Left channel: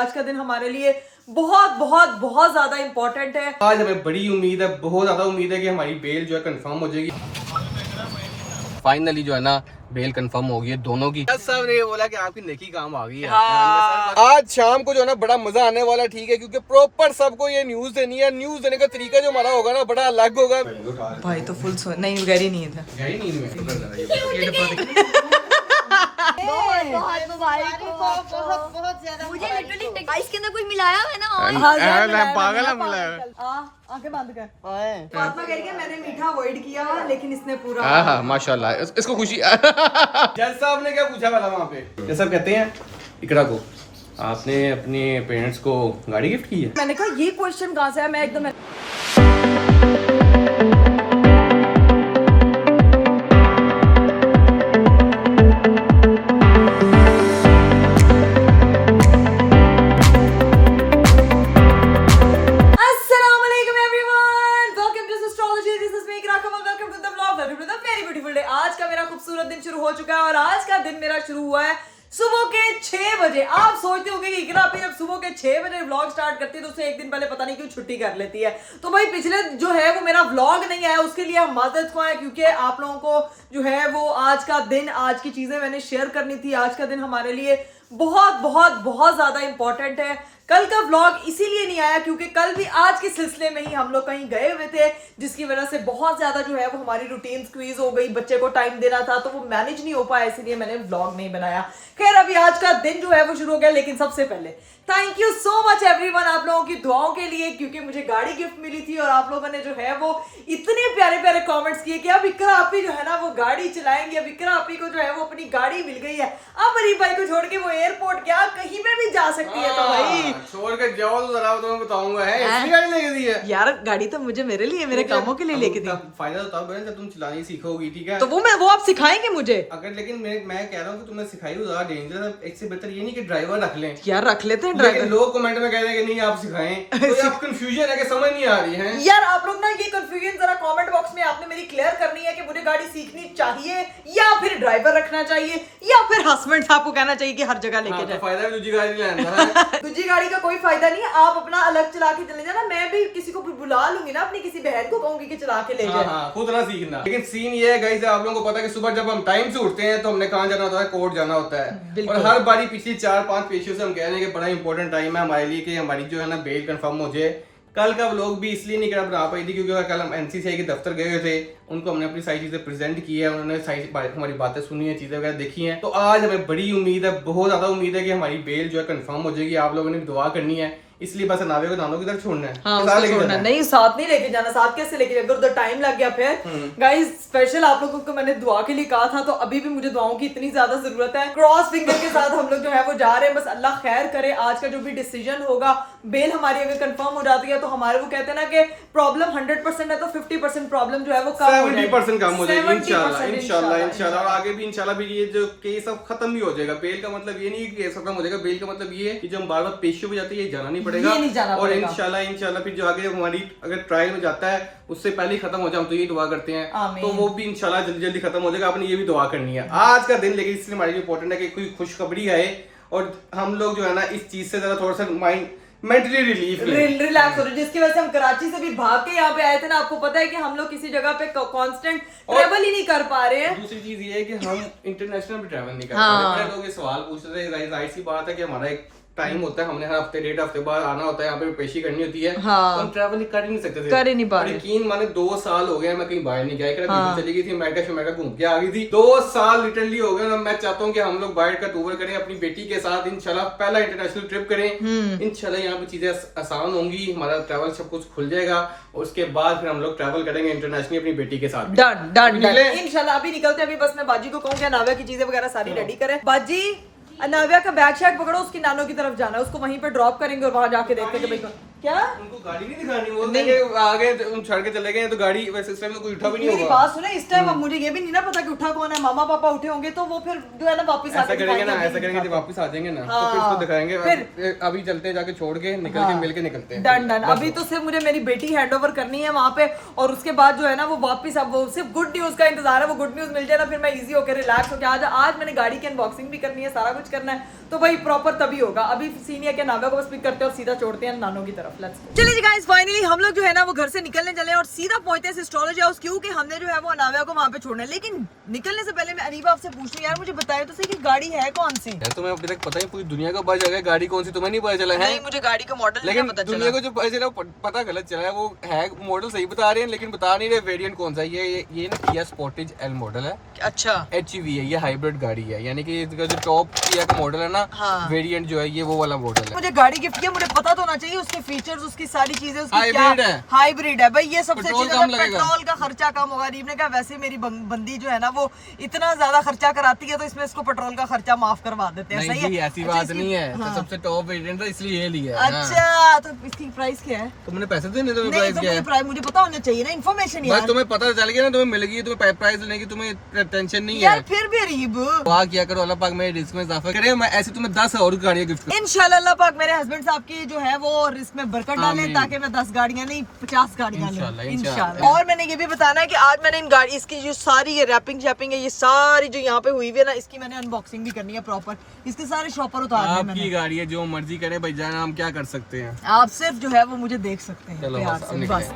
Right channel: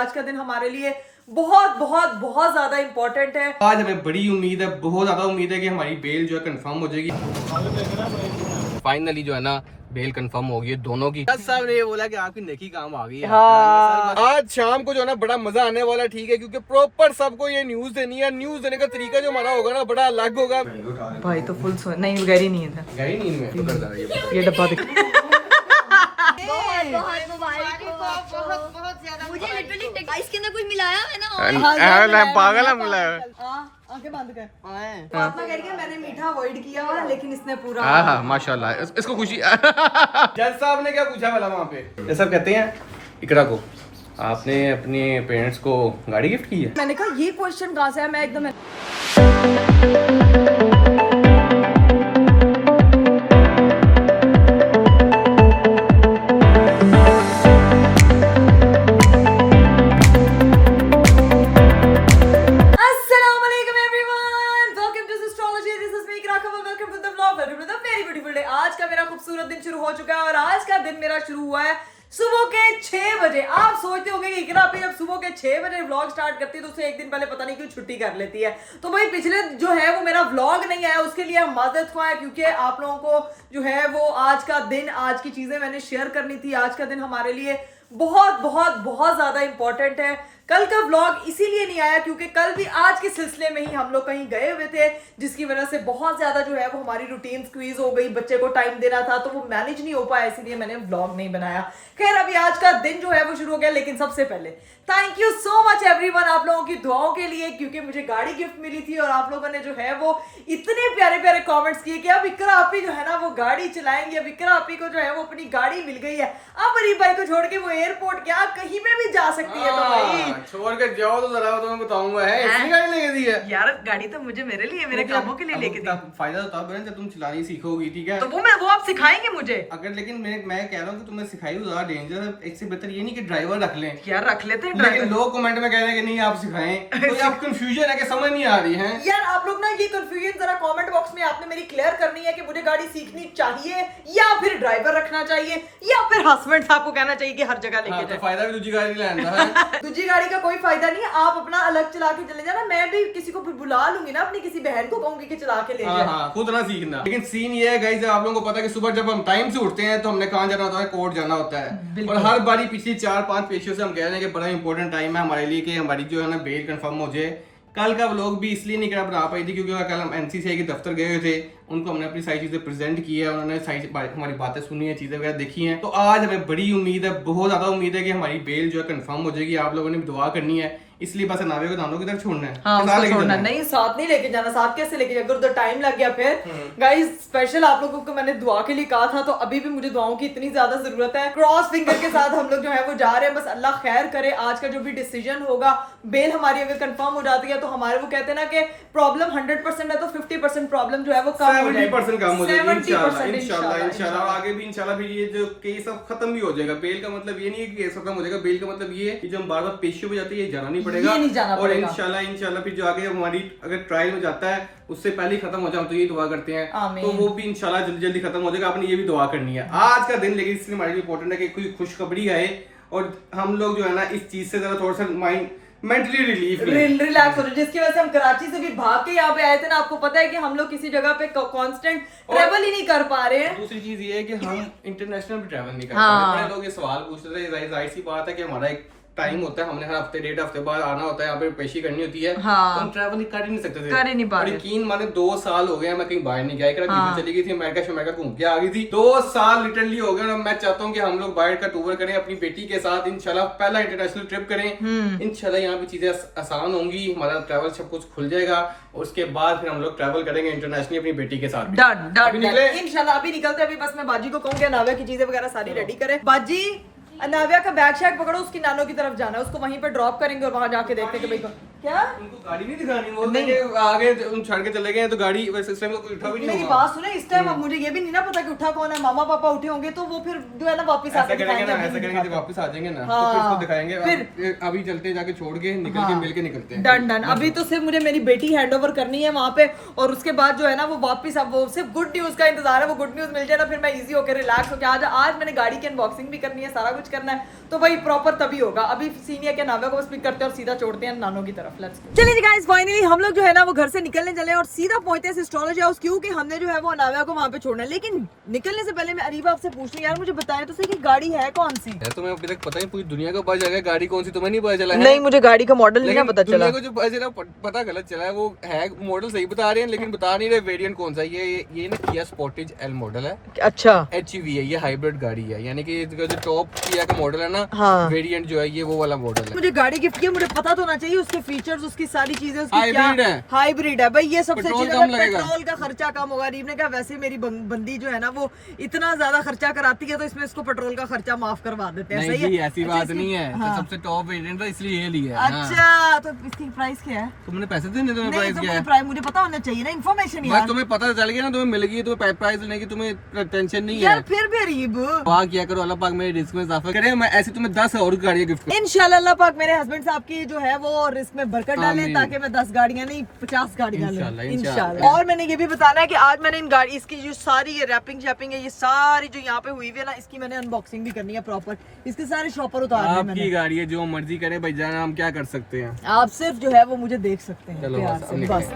आज का दिन हमारे लिए बहुत बहुत बहुत ज्यादा इम्पोर्टेंट है। आज हमें बड़ी उम्मीद है, बहुत ज्यादा उम्मीद है कि हमारी बेल जो है कंफर्म हो जाएगी। फाइनली जो है ना बेल कंफर्म हो गई है दोनों की। जज साहब ने ये बोला कि आपकी नेकी काम आ गई है। हाँ। आज शाम को जो है ना बड़ा मजा आने वाला है, ठीक है, क्योंकि प्रॉपर सबको ये न्यूज देनी है। न्यूज देने का तरीका जो हमारा होगा ना बड़ा अलग होगा। भाई तो फुल नहीं गहरी नींद है। गहरी नींद में तो कर रहा है ये डब्बा मुझे लिटरली आइस के अंदर कुछ मिलाया है ना। पागल है मिला है। आंखें बंद कर। फातिमा कह रही है मैंने मीठा अवॉइड किया लेकिन इसने पूरा। हाँ माशाल्लाह, इसको खुशी। जज साहब ने क्या पूछा वाला वहाँ पे? जज साहब कहते हैं इकरा को आपने अपने पेरेंट्स को गाड़ी गिफ्ट की है। मैंने कहा ये क्वेश्चन कहाँ से है। मैं एकदम आज का मेरा खूबसूरत दिन शुरू हो चुका है और आज का दिन मेरा शुरू हुआ है सुबह के 6 बजे। आप सोचते होंगे कि इकरा पे जब सुबह के 6 बजे व्लॉग स्टार्ट करती है तो उसे एक दिन पहले पता नहीं क्यों छुट्टी कर लेती है। तो भाई पिछले जो है वो मेरा व्लॉग नहीं आया, उसके लिए हम माजरत ख्वाह हैं, क्योंकि आप लोगों को जो है वो आज का दिन, आज की चीजें मैंने शेयर करनी थी। आज का दिन हमारे लिए बहुत बहुत बहुत ज्यादा इंपॉर्टेंट है। कल का व्लॉग इसीलिए नहीं आया क्योंकि कल भी आज के सिलसिले में ही हम लोग कहीं गए हुए थे, जिसकी वजह से बहुत ज्यादा जो है वो हमारी रूटीन स्क्वीज हो गई। बच्चे को टाइम देना था तो वो मैनेज नहीं हो पाया, इसीलिए मैंने व्लॉग नहीं बनाया। खैर अभी आज का दिन जो है वो शुरू हो गया, लेकिन सबसे पहले thank you so much everyone आप लोगों की दुआओं के लिए, क्योंकि मुझे गाड़ी गिफ्ट मिली थी और आप लोगों ने जो है वो इतने प्यारे प्यारे कमेंट्स किए कि अब इकरा आपी जो है ना वो गाड़ी चलाएंगे। अब इकरा आपी को जो है वो अपनी गाड़ी मिल गई है। अब अरीब भाई को छोड़ के वो एयरपोर्ट क्या कहीं पे भी जा सकती है। तो भाई छोड़ के जाओ तो जरा तुम्हें बताऊंगा है ऐसी गाड़ी लेके दी है यार। गाड़ी तो मुझे मेरे लिए, मेरे कामों के लिए लेके दी। फायदा तो तब है जब तुम चलानी सीखोगी, ठीक है? तो वो आप सिखाएंगे मुझे। अगर लेकिन मैं कह रहा हूँ कि तुम्हें सिखाई ज्यादा डेंजर है। इससे बेहतर ये नहीं कि ड्राइवर रख लें। यार रख लेते हैं ड्राइवर। लोग कमेंट में कह रहे हैं कि नहीं आप सिखाएं, तो आप कंफ्यूजन है कि समझ नहीं आ रही है। यार आप लोग ना ये कंफ्यूजन जरा कमेंट बॉक्स में आपने मेरी क्लियर करनी है कि मुझे गाड़ी सीखनी चाहिए या फिर ड्राइवर रखना चाहिए या फिर हस्बैंड साहब को कहना चाहिए कि हर जगह लेके जाए। तो फायदा भी दूसरी गाड़ी लेना है। दूसरी गाड़ी का कोई फायदा नहीं है, आप अपना अलग चला के चले जाना। मैं भी किसी को बुला लूंगी ना, अपनी किसी बहन को कहूंगी कि चला के ले जाए। हाँ, खुद ना सीखना। लेकिन सीन ये है गाइस, आप लोगों को पता है कि सुबह जब हम टाइम से उठते हैं तो हमने कहाँ जाना होता है? कोर्ट जाना होता है। और हर बारी पिछली 4-5 पेशियों से हम कह रहे हैं कि बड़ा इंपॉर्टेंट टाइम है हमारे लिए कि हमारी जो है ना बेल कंफर्म हो जाए। कल का व्लॉग भी इसलिए नहीं बना पाई थी क्योंकि कल हम एनसीसीआई के दफ्तर गए हुए थे। उनको हमने अपनी सारी चीजें प्रेजेंट की है, उन्होंने सारी हमारी बातें सुनी है, चीजें वगैरह देखी हैं। तो आज हमें बड़ी उम्मीद है, बहुत ज्यादा उम्मीद है कि हमारी बेल जो है कंफर्म हो जाएगी। आप लोगों ने दुआ करनी है, इसलिए बस नावे को दानों की तरफ छोड़ना है। हाँ, छोड़ना नहीं, साथ नहीं लेके जाना। साथ कैसे लेके जाएगा? उधर टाइम लग गया। फिर गाइस स्पेशल आप लोगों को मैंने दुआ के लिए कहा था, तो अभी भी मुझे दुआओं की इतनी ज्यादा जरूरत है। क्रॉस फिंगर के साथ हम लोग जो है वो जा रहे हैं। बस अल्लाह खैर करे। आज का जो भी डिसीजन होगा, बेल हमारी अगर कंफर्म हो जाती है तो हमारे वो कहते हैं ना कि प्रॉब्लम 100% है तो 50% प्रॉब्लम जो है वो कम हो जाएगी। 70% कम हो जाएगी इंशाल्लाह। और आगे भी इंशाल्लाह भी ये जो केस अब खत्म भी हो जाएगा। बेल का मतलब ये नहीं है कि केस खत्म हो जाएगा। बेल का मतलब ये है कि जब बार बार पेशियों पे जाती है ये जाना नहीं पड़ेगा। और इंशाल्लाह फिर जो आगे हमारी अगर ट्रायल में जाता है उससे पहले ही खत्म हो जाए, हम तो यही दुआ करते हैं। तो वो भी इंशाल्लाह जल्दी जल्दी खत्म हो जाएगा। आपने ये भी दुआ करनी है। आज का दिन लेकिन इसलिए हमारे लिए इंपॉर्टेंट है कि कोई खुशखबरी आए और हम लोग जो है ना इस चीज से जरा थोड़ा सा माइंड मेंटली रिलैक्स हो रहे, जिसकी वजह से हम कराची से भी भाग के यहाँ पे आए थे ना। आपको पता है कि हम लोग किसी जगह पे कांस्टेंट ट्रेवल ही नहीं कर पा रहे हैं। दूसरी चीज ये है कि हम इंटरनेशनल भी ट्रेवल नहीं कर पा रहे। लोग ये सवाल पूछते थे, जाहिर सी बात है कि हमारा एक टाइम होता है, हमने हर हफ्ते 1.5 हफ्ते बाद आना होता है, यहाँ पे पेशी करनी होती है। हाँ। तो हम ट्रैवल कर ही नहीं सकते थे, कर ही नहीं पा रहे। यकीन माने 2 साल हो गए मैं कहीं बाहर नहीं गया। हाँ। चली गई थी अमेरिका घूम के आ गई थी। 2 साल लिटरली हो गए। मैं चाहता हूँ कि हम लोग बाहर का टूर करें अपनी बेटी के साथ इंशाल्लाह। पहला इंटरनेशनल ट्रिप करें इंशाल्लाह। यहाँ पे चीजें आसान होंगी, हमारा ट्रैवल सब कुछ खुल जाएगा। उसके बाद फिर हम लोग ट्रैवल करेंगे इंटरनेशनली अपनी बेटी के साथ। डन इंशाल्लाह। अभी निकलते अभी बस मैं बाजी को कहूँगी नावे की चीजें वगैरह सारी रेडी करे। बाजी अनाविया का बैग शैग पकड़ो, उसकी नानों की तरफ जाना है, उसको वहीं पे ड्रॉप करेंगे और वहां जाके देखते हैं कि भाई क्या उनको गाड़ी नहीं दिखानी, वो नहीं आगे छोड़ के चले गए तो गाड़ी वैसे इसमें तो कोई उठा भी नहीं मेरी बात सुने, इस टाइम अब मुझे ये भी नहीं ना पता कि उठा कौन है, मामा पापा उठे होंगे तो वो फिर जो है ना वापस ऐसा करेंगे ना, ऐसा करेंगे जब वापस आ जाएंगे ना तो फिर उसको दिखाएंगे। फिर अभी चलते हैं, जाके छोड़ के निकल के मिल के निकलते हैं। Done done. अभी तो सिर्फ मुझे मेरी बेटी हैंडओवर करनी है वहाँ पे, और उसके बाद जो है ना वो वापस, अब वो सिर्फ गुड न्यूज का इंतजार है, वो गुड न्यूज मिल जाए ना फिर मैं इजी होकर रिलैक्स होकर आज मैंने गाड़ी की अनबॉक्सिंग भी करनी है, सारा कुछ करना है, तो भाई प्रॉपर तभी होगा। अभी सीनियर के नाव्या को बस पिक करते हैं और सीधा छोड़ते हैं नानों की तरफ। Let's go. चलिए गाइस, फाइनली हम लोग जो है ना वो घर से निकलने चले और सीधा पहुंचते हैं एस्ट्रोलॉजी हाउस, क्योंकि हमने जो है वो नाव्या को वहाँ पे छोड़ना है। लेकिन निकलने से पहले मैं अरीबा आपसे पूछ रही हूँ, यार मुझे बताया तो सही कि गाड़ी है कौन सी? तुम्हें अभी तक पता है पूरी दुनिया को पता चला गाड़ी कौन सी, तुम्हें नहीं पता चला है? नहीं, मुझे गाड़ी का मॉडल नहीं पता चला। दुनिया को जो पता चला पता गलत चला है, वो है मॉडल सही बता रहे हैं लेकिन बता नहीं रहे वेरिएंट कौन सा है। ये ना किया स्पोर्टेज एल मॉडल है। अच्छा, HEV है, ये हाइब्रिड गाड़ी है, यानी कि इसका जो टॉप किया का मॉडल है ना, वेरिएंट जो है ये वो वाला मॉडल है। मुझे गाड़ी गिफ्ट किया, मुझे पता तो होना चाहिए उसके फीचर्स, उसकी सारी चीजें, उसकी क्या हाइब्रिड है भाई, ये सबसे अच्छी बात। पेट्रोल का खर्चा कम होगा। रीम ने कहा वैसे मेरी बंदी जो है ना वो इतना ज्यादा खर्चा कराती है तो इसमें इसको पेट्रोल का खर्चा माफ करवा देते हैं। सही है, ऐसी बात नहीं है, तो सबसे टॉप वेरिएंट है इसलिए ये लिया। अच्छा, तो इसकी प्राइस क्या है? तुमने पैसे देने, तुम्हें प्राइस क्या है? प्राइस मुझे पता होना चाहिए ना, इन्फॉर्मेशन यार। तुम्हें पता चल गया ना, तुम्हें मिल गई, तुम्हें प्राइस लेने की तुम्हें टेंशन नहीं है यार। फिर भी अरीब वाह किया करो, अल्लाह पाक मेरे रिस्क में इजाफा करे, मैं ऐसे तुम्हें 10 और गाड़ियां गिफ्ट करूं इंशाल्लाह। अल्लाह पाक मेरे हस्बैंड साहब की जो है वो रिस्क में बरकत डाले ताकि मैं 10 गाड़ियां नहीं 50 गाड़ियां लूं इंशाल्लाह। और मैंने ये भी बताना है कि आज मैंने इन गाड़ी इसकी जो सारी ये रैपिंग शैपिंग है, ये सारी जो यहाँ पे हुई है ना, इसकी मैंने अनबॉक्सिंग भी करनी है प्रॉपर। इसके सारे शॉपर उतार दिए मैंने। आपकी गाड़ी है, जो मर्जी करे भाई जान, हम क्या कर सकते हैं। आप सिर्फ जो है वो मुझे देख सकते हैं प्यार से बस।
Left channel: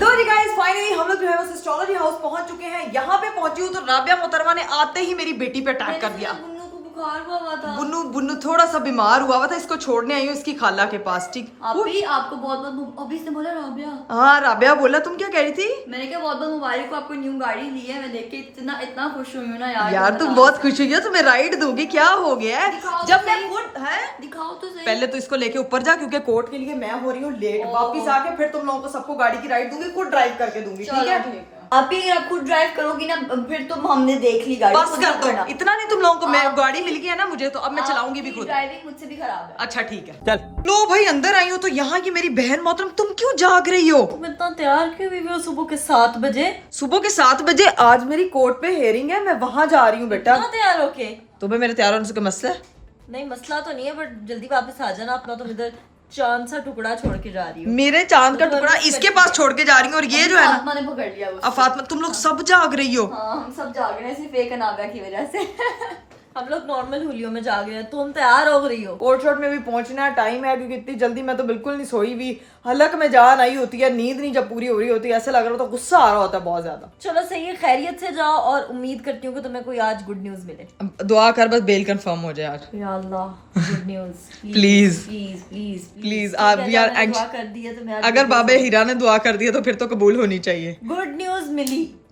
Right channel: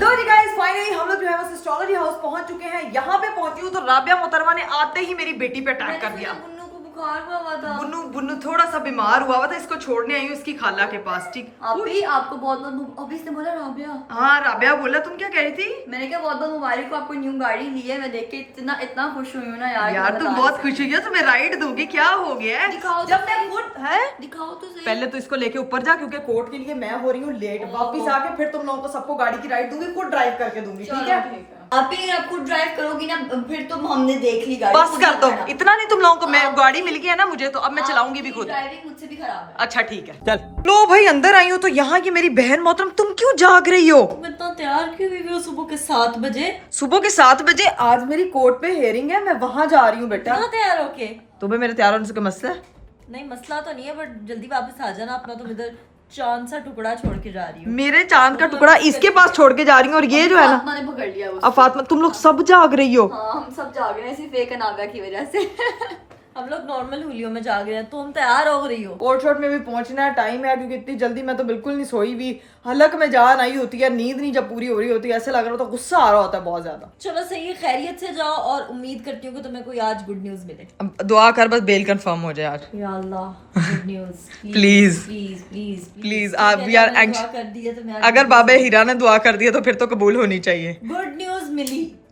लो जी गाइस, फाइनली हम लोग जो है बस एस्ट्रोलॉजी हाउस पहुंच चुके हैं। यहाँ पे पहुंची हूँ तो राबिया मोहतरमा ने आते ही मेरी बेटी पे अटैक कर दिया। बुन्नू को बुखार हुआ था। बुन्नू थोड़ा सा बीमार हुआ था, इसको छोड़ने आई हूँ इसकी खाला के पास। ठीक, आपको बहुत बहुत अभी इसने बोला राबिया। हाँ राबिया बोला, तुम क्या कह रही थी? मैंने कहा बहुत बहुत मुबारक को, आपको न्यू गाड़ी ली है। मैं देख के इतना खुश हुई हूँ ना यार। यार तुम बहुत खुश हुई हो, तुम्हें राइड दोगी? क्या हो गया है? जब मैं खुद है, दिखाओ तो सही। पहले तो इसको लेके ऊपर जा, क्योंकि कोर्ट के लिए मैं हो रही हूँ लेट। वापिस आके फिर तुम लोगों को सबको गाड़ी की राइड दूंगी, खुद ड्राइव करके दूंगी। ठीक है, आप ही आप खुद ड्राइव करोगी ना, फिर तो हमने देख ली गाड़ी। बस कर दो, इतना नहीं तुम लोगों को। मैं गाड़ी मिल गई है ना मुझे, तो अब मैं चलाऊंगी भी खुद। ड्राइविंग मुझसे भी खराब है। अच्छा ठीक है, चल। लो भाई अंदर आई हूँ तो यहाँ की मेरी बहन मोहतरम, तुम क्यों जाग रही हो? तुम इतना तैयार क्यों हुई हो सुबह के 7 बजे? सुबह के 7 बजे आज मेरी कोर्ट पे हेयरिंग है, मैं वहाँ जा रही हूँ बेटा। तैयार होके? तुम्हें मेरे तैयार होने से कोई मसला है? नहीं मसला तो नहीं है, बट जल्दी वापस आ जाना अपना। तो इधर चांद सा टुकड़ा छोड़ के जा रही हूँ। मेरे चांद का टुकड़ा इसके पास छोड़ के जा रही हूँ, और ये जो है ना, फातिमा ने पकड़ लिया उसको। अब फातिमा, तुम लोग सब जाग रही हो? हाँ हम सब जाग रहे हैं, सिर्फ एक अनाबिया की वजह से। हम लोग नॉर्मल हुलियों में जाग रहे हैं, तुम तैयार हो रही हो? कोर्ट शॉट में भी पहुंचना टाइम है, क्योंकि इतनी जल्दी मैं तो बिल्कुल नहीं सोई हुई। हलक में जान आई होती है, नींद नहीं जब पूरी हो रही होती है, ऐसे लग रहा होता, गुस्सा आ रहा होता है बहुत ज्यादा। चलो सही है, खैरियत से जाओ, और उम्मीद करती हूँ कि तुम्हें कोई आज गुड न्यूज मिले। अब दुआ कर बस बेल कंफर्म हो जाए आज। या अल्लाह good news please please please please. आप यार दुआ कर दी है तो मैं अगर बाबा हीरा ने दुआ कर दिया तो फिर तो कबूल होनी चाहिए। गुड न्यूज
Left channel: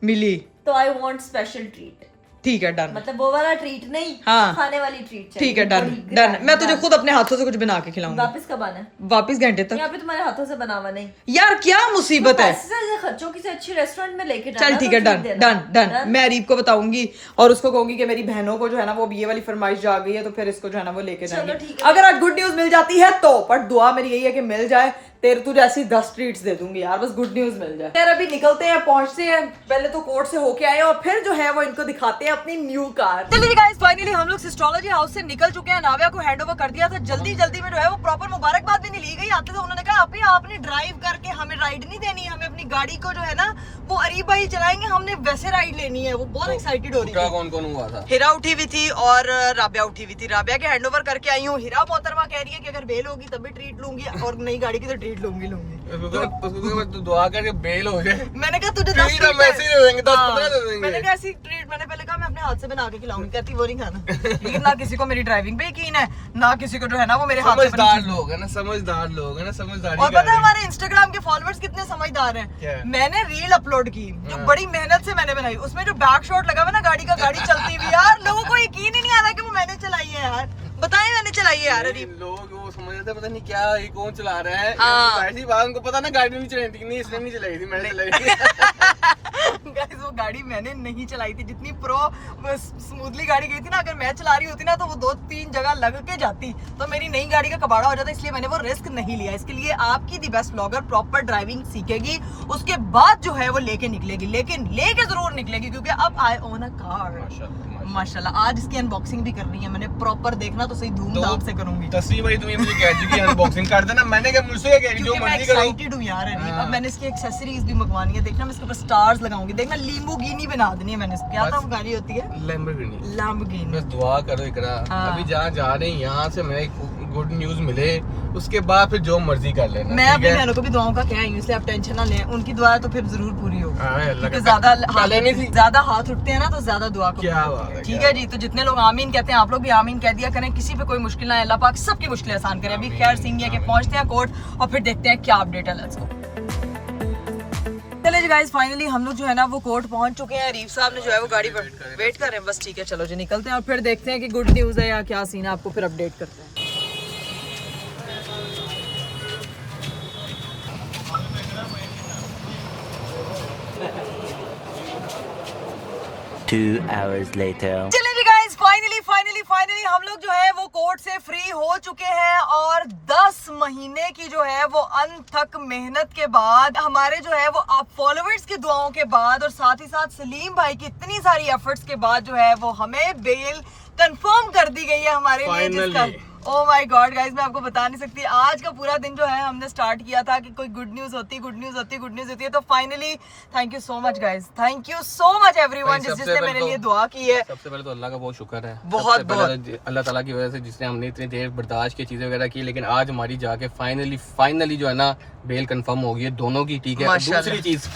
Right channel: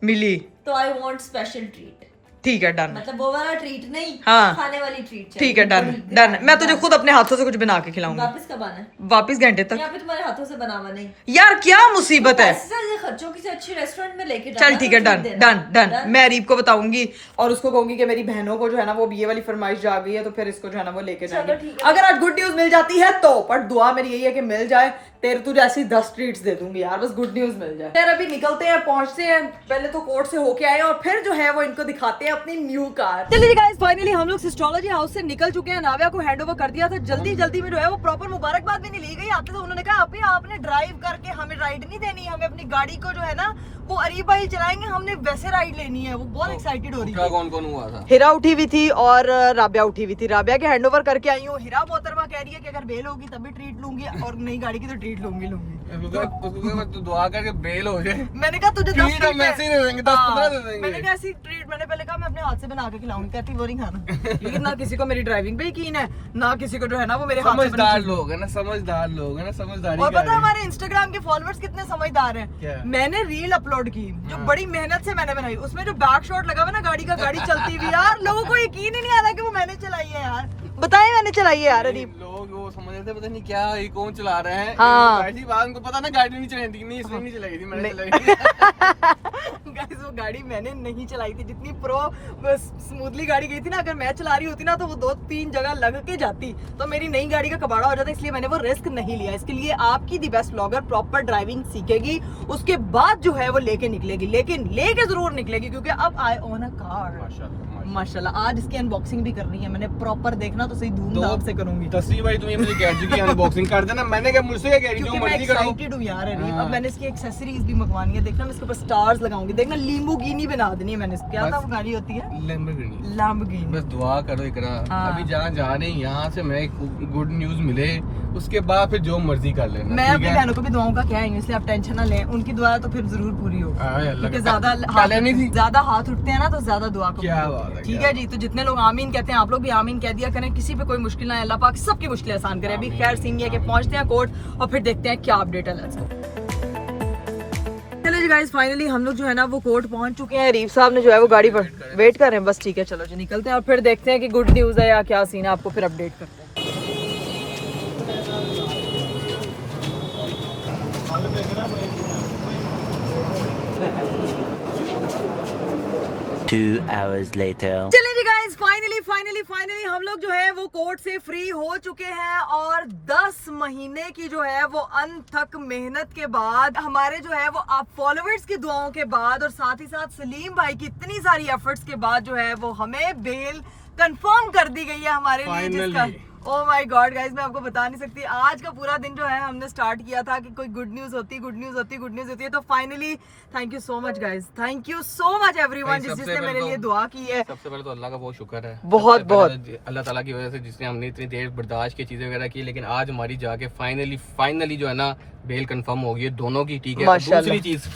मिली तो आई वांट स्पेशल ट्रीट। ठीक है डन। मतलब वो वाला ट्रीट नहीं, हाँ खाने वाली ट्रीट। ठीक है डन डन। मैं तुझे खुद अपने हाथों से कुछ बना के खिलाऊंगी। वापस कब आना है? वापस घंटे तक। यहाँ पे तुम्हारे हाथों से बनावा नहीं। यार क्या मुसीबत है? खर्चों की से अच्छी रेस्टोरेंट में लेके चल ठीक है डन डन डन। मैं अरीब को बताऊंगी और उसको कहूंगी कि मेरी बहनों को जो है ना वो ये वाली फरमाइश जा गई है, तो फिर इसको जो है ना वो लेके जाएंगे। अगर आज गुड न्यूज मिल जाती है तो, पर दुआ मेरी यही है कि मिल जाए। तेरे तुझे ऐसी 10 ट्रीट्स दे दूंगी यार, बस गुड न्यूज मिल जाए। यार अभी निकलते हैं, पहुंचते हैं, पहले तो कोर्ट से होके आए और फिर जो है वो इनको दिखाते हैं अपनी न्यू कार। चलिए गाइस, फाइनली हम लोग एस्ट्रोलॉजी हाउस से निकल चुके हैं। नाव्या को हैंडओवर कर दिया था जल्दी जल्दी में, जो है वो प्रॉपर मुबारकबाद भी नहीं ली गई। आते थे उन्होंने कहा आप आपने ड्राइव करके हमें राइड नहीं देनी, हमें अपनी गाड़ी को जो है ना वो अरीब भाई चलाएंगे, हमने वैसे राइड लेनी है। वो बहुत एक्साइटेड हो रही है। कौन कौन हुआ था? हिरा उठी हुई थी और राबिया उठी हुई थी। राबिया के हैंडओवर करके आई हूँ। हिरा मोहतरमा कह रही है कि अगर बेल होगी तब भी ट्रीट लूंगी, और नई गाड़ी की तो ट्रीट लूंगी। तो दुआ करके बेल हो जाए। मैंने कहा तुझे 10 ट्रीट हम ऐसे ही दे देंगे, 10-15 दे देंगे। मैंने कहा ऐसी ट्रीट, मैंने पहले कहा मैं अपने हाथ से बना के खिलाऊंगी, कहती वो नहीं खाना। लेकिन ना किसी को मेरी ड्राइविंग पे यकीन है, ना किसी को जो है ना वो मेरे हाथ से समझदार लोग है ना, समझदार लोग है ना, समझदारी। और पता है हमारे इंस्टाग्राम के फॉलोअर्स कितने समझदार हैं? मैंने रील अपलोड की जो बड़ी मेहनत से मैंने बनाई, उसमें जो बैक शॉट लगा हुआ ना गाड़ी का, गाड़ी चलती हुई, यार लोगों को यकीन ही नहीं आ रहा कि वो मैंने चलाई है। यार बताए मैंने चलाई है यार। लोग वो समझ रहे थे पता नहीं क्या ये कौन चला रहा है। हाँ। ऐसी बात उनको पता ना, गाड़ी नहीं चलाई थी, नहीं इसने नहीं चलाई थी, मैंने चलाई थी। गाइस वो गाड़ी मैंने नहीं चलाई थी, जितनी प्रो स्मूथली गाड़ी गई थी ना, अगर मैं चला रही होती ना तो वो 2-3 जगह लग के जाती, तो मेरी नई गाड़ी का कबाड़ा हो जाता, इसलिए मैंने वो रिस्क नहीं लिया। इसके लिए आपकी दी बेस्ट ब्लॉगर प्रॉपर ड्राइविंग सीखेगी, उसके बाद जो है वो लेके निकलेगी, लेकिन लेके जरूर निकलेगी, क्योंकि अब आई ओन अ कार माशाल्लाह। आज इसकी अनबॉक्सिंग भी करनी है मैंने, प्रॉपर देखना तो सही धूमधाम से करूंगी। तस्वीर भाई तुम्हें मुझे गैजेट की अनबॉक्सिंग कर देना, मैंने क्या मुझसे क्या कह रही जो मर्जी करो। एक्साइटेड हूं यार अरीब, अब मैंने इसकी एक्सेसरीज भी मंगवानी है, देखना मैं इसके ऊपर स्टार्स लगाऊंगी, देखना लैम्बोर्गिनी बना देनी है मैंने। क्या था वो गाड़ी होती है? लैम्बोर्गिनी। बस दुआ करो इकरा, अभी जहाँ जा रहे हैं यहाँ से हमें गुड न्यूज मिले, उसके बाद फिर जो मर्जी कर लेना। मैं अपनी बहनों को भी दुआओं का क्या है, इसलिए आप टेंशन ना लें, उनकी दुआ तो फिर जरूर पूरी होगी, क्योंकि ज्यादा हाथ उठते हैं ना तो ज्यादा दुआ करो। ठीक है जी, तो जितने लोग आमीन कहते हैं आप लोग भी आमीन कह दिया करें, किसी पे कोई मुश्किल ना, अल्लाह पाक सबकी मुश्किल आसान करे। अभी खैर सिंह है कि पहुंचते हैं कोर्ट और फिर देखते हैं क्या अपडेट है। चले जी गाइस, फाइनली हम लोग जो है ना वो कोर्ट पहुंच चुके हैं। अरीब साहब ने जो है वो गाड़ी पर वेट कर रहे हैं, बस ठीक है चलो जी निकलते हैं और फिर देखते हैं कि गुड न्यूज है या क्या सीन है, आपको फिर अपडेट करते हैं। चलिए जी गाइस, फाइनली हम लोग जो है वो कोर्ट से फ्री हो चुके हैं और 10 महीने की जो है वो अनथक मेहनत के बाद, हमारे जो है वो आप फॉलोअर्स की दुआओं के बाद और साथ ही साथ सलीम भाई की इतनी सारी एफर्ट्स के बाद जो है वो हमें बेल कंफर्म कर दी गई है हमारे लिए, जिसका ओह माय गॉड गाइस मैं आपको बता नहीं सकती। आज का पूरा दिन जो है हमने स्टार्ट किया था कि कोई गुड न्यूज होती है, तो finally thank you so much guys, thank you so much everyone जिसने मेरे लिए दुआ की है। सबसे पहले तो अल्लाह का बहुत शुक्र है, बहुत अल्लाह ताला की वजह से जिसने हमने इतनी देर बर्दाश्त की चीजें वगैरह की, लेकिन आज हमारी जाके फाइनली जो है ना बेल कंफर्म हो गई है दोनों की। ठीक है, दूसरी चीज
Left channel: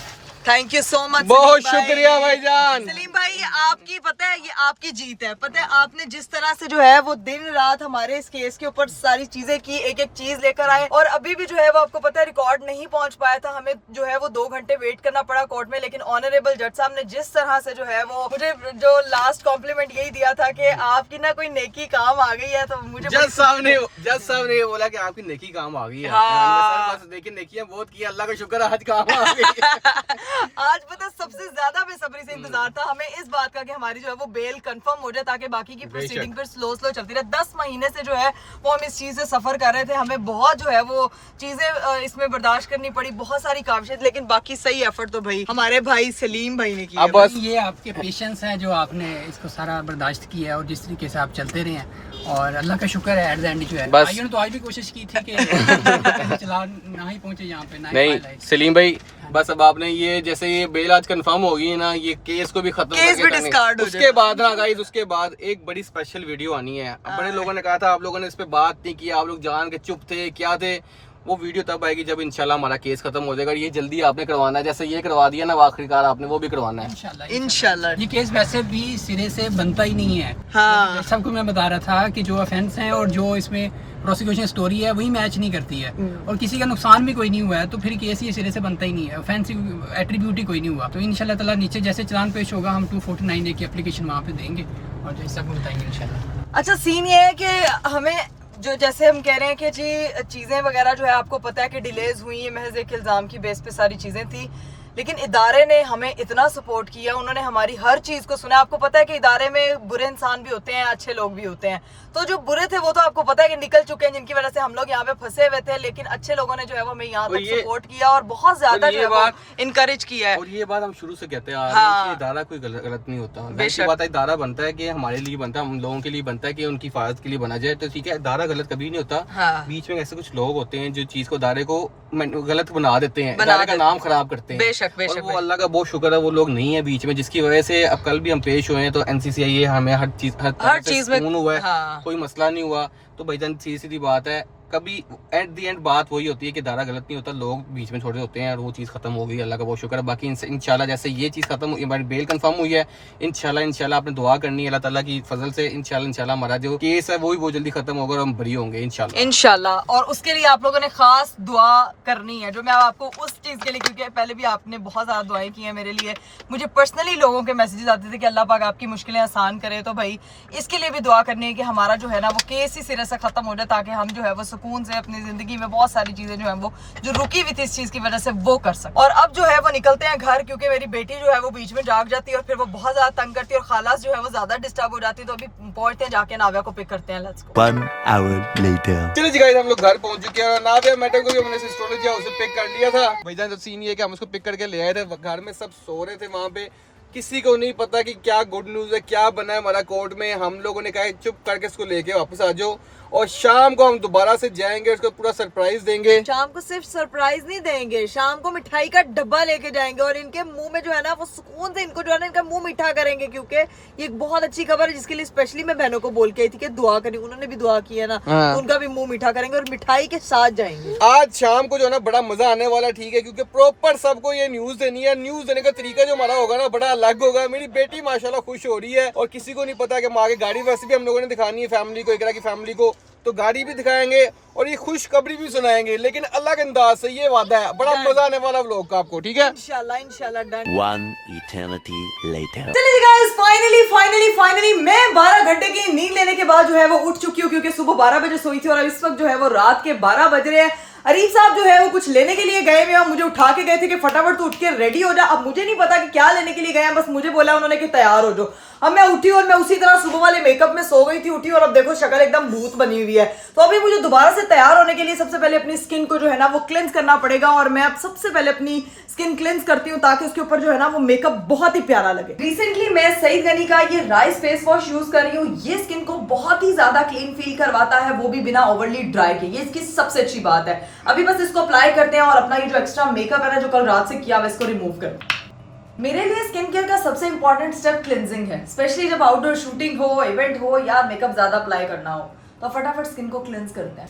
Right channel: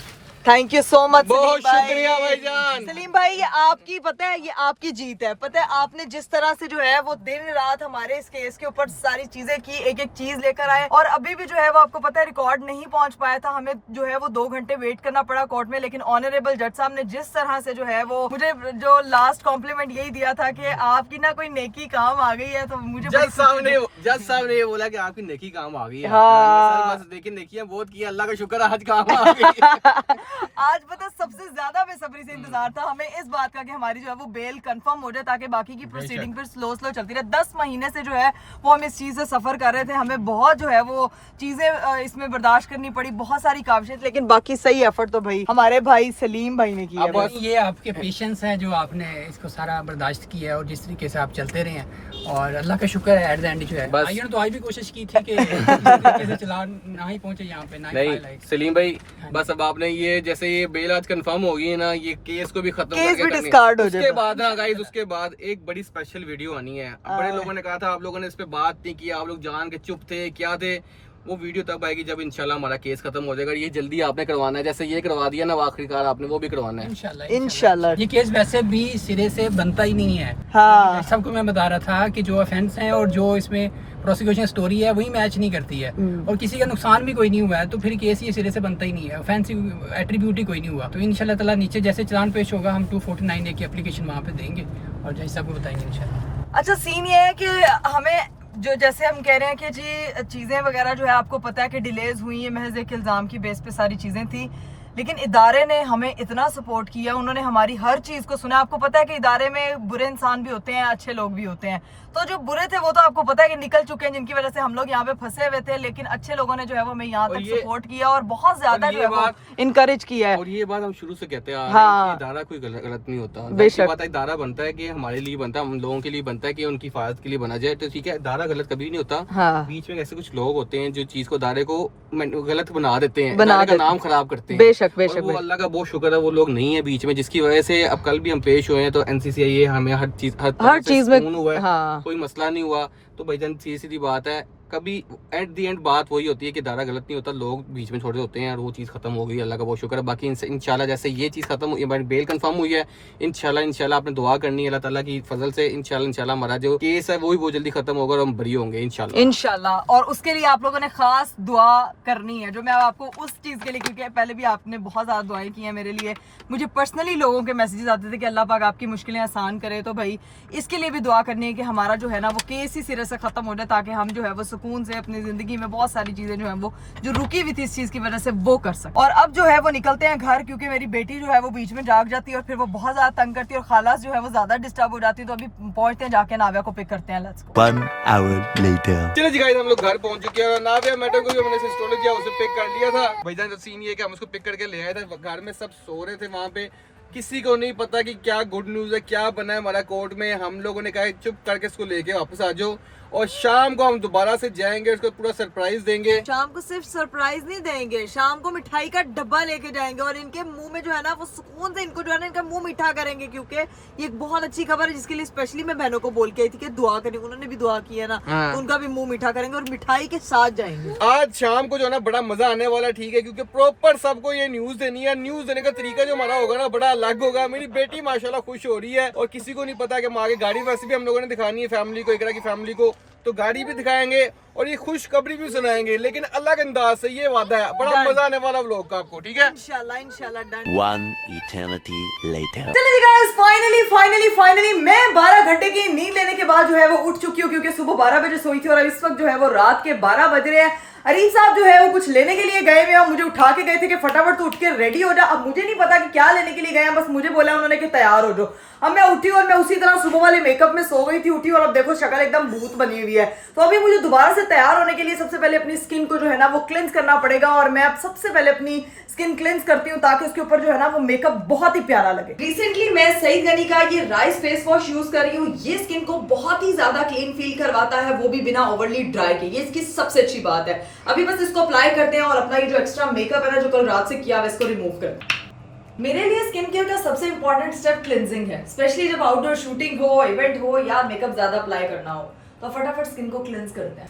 थैंक यू सो मच, बहुत शुक्रिया भाईजान। सलीम भाई ये आपकी पता है, ये आपकी जीत है। पता है आपने जिस तरह से जो है वो दिन रात हमारे इस केस के ऊपर सारी चीजें की, एक एक चीज लेकर आए, और अभी भी जो है वो आपको पता है रिकॉर्ड नहीं पहुंच पाया था, हमें जो है वो 2 घंटे वेट करना पड़ा कोर्ट में, लेकिन ऑनरेबल जज साहब ने जिस तरह से जो है वो मुझे जो लास्ट कॉम्प्लीमेंट यही दिया था कि आपकी ना कोई नेकी काम आ गई है, तो मुझे जज साहब ने ये बोला कि आपकी नेकी काम आ गई है। हाँ। देखिए नेकियां बहुत की, अल्लाह का शुक्र आज काम आ गई। आज पता सबसे ज्यादा बेसब्री से इंतजार था हमें इस बात का कि हमारी जो है वो बेल कंफर्म हो जाए, ताकि बाकी की प्रोसीडिंग फिर स्लो चलती रहे। 10 महीने से जो है वो हम इस चीज से सफर कर रहे थे, हमें बहुत जो है वो चीजें इसमें बर्दाश्त करनी पड़ी, बहुत सारी काविशें, लेकिन बाकी सही एफर्ट तो भाई हमारे भाई सलीम भाई ने किया। बस ये आपके पेशेंस है जो आपने इसको सारा बर्दाश्त किया है और जिस तरीके से आप चलते रहे हैं, और अल्लाह का शुक्र है एट द एंड जो है आयन तो आज भी कोशिश की थी कि कैसे चला ना ही पहुंचे यहाँ पे, नहीं सलीम भाई बस अब आपने ये जैसे ये बेल आज कंफर्म हो गई है ना, ये केस को भी खत्म डिस्कार्ड हो उसके बाद ना गाइस, उसके बाद एक बड़ी स्पेशल वीडियो आनी है। बड़े लोगों ने कहा था आप लोगों ने इस पे बात नहीं की, आप लोग जान के चुप थे, क्या थे, वो वीडियो तब आएगी जब इंशाल्लाह हमारा केस खत्म हो जाएगा। ये जल्दी आपने करवाना है, जैसे ये करवा दिया ना आखिरकार आपने, वो भी करवाना है इंशाल्लाह। ये केस वैसे भी सिरे से बनता ही नहीं है। हाँ। सबको मैं बता रहा था कि जो ऑफेंस है और जो इसमें प्रोसिक्यूशन स्टोरी है वही मैच नहीं करती है, और किसी का नुकसान भी कोई नहीं हुआ है, तो फिर केस ये सिरे से बनता ही नहीं है, ऑफेंसिव एट्रीब्यूट ही कोई नहीं हुआ। तो इंशाल्लाह ताला नीचे जैसे चालान पेश होगा हम 249A की एप्लीकेशन वहाँ पे देंगे और जैसा आपको बताएंगे इंशाल्लाह। अच्छा सीन ये है कि हमें जो जैसे हम कह रहे हैं कि जी चीज़ें वगैरह जो है आपको पता है कि डिलेज हुई है, महज एक इल्ज़ाम की बेस पे सारी चीज़ें थी, लेकिन इदारे ने हमें इतना सपोर्ट किया, उन्होंने हमारी हर चीज़ को सुना। आपको पता है कि इदारे में बुरे इंसान भी होते हैं, अच्छे लोग भी होते हैं, तो जो बुरे थे वो तो आपको पता है कि निकल चुके हैं, जिनकी वजह से हम लोग यहाँ पे फंसे हुए थे, लेकिन अच्छे लोगों ने जो है वो हमें यहाँ तक सपोर्ट किया और बहुत ज्यादा जो है वो इनकरेज किया है। और ये बात हम शुरू से कहते आ रहे हैं कि इदारा कोई गलत नहीं होता, बेशक बात है, इदारा बनता है कि हमारे लिए बनता है, हम लोगों के लिए बनता है कि उनकी हिफाजत के लिए बना जाए, तो ठीक है, इदारा गलत कभी नहीं होता। बीच में ऐसे कुछ लोग होते हैं जो चीज को इदारे को गलत बना देते हैं, इदारे का नाम खराब करते हैं। बेशक वो अल्लाह का बहुत शुक्र है वो लोग नहीं है बीच में, जिसकी वजह से अब कल भी हम पेश हुए हैं, तो NCCI हमें हर चीज में हुआ है, कोई मसला नहीं हुआ। तो भाईजान सीधी बात है, कभी एट द एंड बात वही होती है कि दारा गलत नहीं होता, लोग बीच में छोड़े होते हैं, और वो चीज़ खत्म हो गई, अल्लाह का बहुत शुक्र है। बाकी इंशाल्लाह जैसे ये चीज़ खत्म हुई, हमारी बेल कंफर्म हुई है, इंशाल्लाह आपने दुआ करनी है अल्लाह ताला की फजल से, इंशाल्लाह हमारा जो केस है वो भी बहुत जल्दी खत्म होगा और हम बरी होंगे इंशाल्लाह। और उसके लिए आप लोगों ने खास दुआ करनी है, जो मैं आपको उस चीज़ के लिए, क्योंकि पहले भी आपने बहुत ज़्यादा दुआएं की हैं मेरे लिए, मुझे पर्सनली लोगों के मैसेजेस आते थे कि अल्लाह पाक आपकी मुश्किलें आसान करे, तो भाई इसके लिए भी दुआ करनी है कि हमारा जो है ना वो केस ही सिरे से खत्म हो जाए, ताकि हम जो है वो सुकून से अपनी जिंदगी में बहुत सारी चीजें जो है वो जो रुकी हुई थी इस चीज की वजह से वो कर सके। और अब जो है वो निकलते हैं घर, क्योंकि मेरी बेटी जो है वो बीच में जाग जाती है और फिर वो बहुत ज्यादा तंग करती है और खालास जो है वो ज्यादा डिस्टर्ब हो जाती है। तो अभी पहुंचते हैं, जाके नाविया को पिक करते हैं। Let's go. 1 hour later. चलिए जी गाइस, हम लोग घर पहुंच चुके हैं। नाविया मैडम को भी हमने एस्ट्रोलॉजी हाउस से पिक कर लिया था। भाईजान तो सीन ये है कि हम उसको पिक करके ले आए थे, घर में सब सो रहे थे वहाँ पे, किसी को नहीं पता कि क्या गुड न्यूज है, क्या बना है हमारा कोर्ट में। हम लोगों ने कहा चुप करके इसको लेके वापस आ जाओ, और शाम को हम दोबारा से जाएंगे, उसको पूरा सरप्राइज देंगे। शाम को सिर्फ सरप्राइज नहीं देंगे, शाम को मिठाई का डब्बा लेके जाएंगे और इनके मुंह में जो है ना वो सुकून से इनको जो है ना इनका मुंह मीठा करेंगे, क्योंकि ये एक बहुत अच्छी खबर है जिसके लिए स्पेशली मैं बहनों को बोल के आई थी कि दुआ करें। उन्होंने भी दुआ की है ना, तो उनका भी मुंह मीठा करेंगे और मिठाई के साथ जाएंगे। आज शाम को जो है ना बड़ा मजा आने वाला, ठीक है, क्योंकि प्रॉपर सबको ये न्यूज देनी है। न्यूज देने का तरीका जो हमारा होगा ना बड़ा अलग होगा। मेरी बेटी माशाल्लाह खुश हो रही है, और किसी को नहीं पता कि हम आगे गाड़ी वैसे भी हम लोगों ने दिखानी है फैमिली को, इकरा की फैमिली को, तो गाड़ी भी दिखाएंगे और ये खुशखबरी भी सुनाएंगे, लेकिन अलग अंदाज से। ये वादा है, बड़ा मजा आने वाला व्लॉग का आपको, ठीक है? इंशाल्लाह इंशाल्लाह डन। 1 eternity later. चलिए गाइस, फाइनली मैं 12 घंटे की नींद लेने के बाद जो है वो उठ चुकी हूँ, क्योंकि सुबह 12 बजे सोई थी और अब इस वक्त जो है वो रात के 12 बज रहे हैं। अरीफ साहब जो है वो कुछ लेने के लिए गए हुए हैं, मुझे उठा के गए थे कि फटाफट तो उठ के रेडी हो जा। अब मुझे नहीं पता कि क्या लेने के लिए गए हैं, बस मुझे बोला उन्होंने कि तैयार हो जाओ। अब मैं उठी और मैं उसी तरह सुबह वाले मेकअप में सो गई थी, उठी और अब देखो शक्ल एकदम भूत बनी हुई है। तो अभी मुझे दोबारा से तैयार होने के लिए सबसे पहले अपनी स्किन को जो है ना वो क्लेंस करना पड़ेगा, और मैं अब सबसे पहले अपनी स्किन क्लेंस करती हूँ ताकि उसके ऊपर जो है ना वो मेकअप बहुत ही प्यारा लगे। रिसेंटली मैं सईद गनी का ये राइस फेस वॉश यूज कर रही हूँ। ये स्किन को बहुत ही ज्यादा क्लीन फील करवाता है, वो भी बिना ओवरली ड्राई के। ये इसकी सबसे अच्छी बात है। अभी बस इसको अप्लाई करते हैं और अपना ये जो एक्स्ट्रा मेकअप है ना जो कल रात से किया हुआ, इसको रिमूव कर। मेरे लिए स्किन केयर का सबसे इंपॉर्टेंट स्टेप क्लिनजिंग है, स्पेशली जब आउटडोर शूटिंग हो, इवेंट हो या मेकअप ज्यादा अप्लाई करना हो, तो फटाफट स्किन को क्लिनज करते हैं।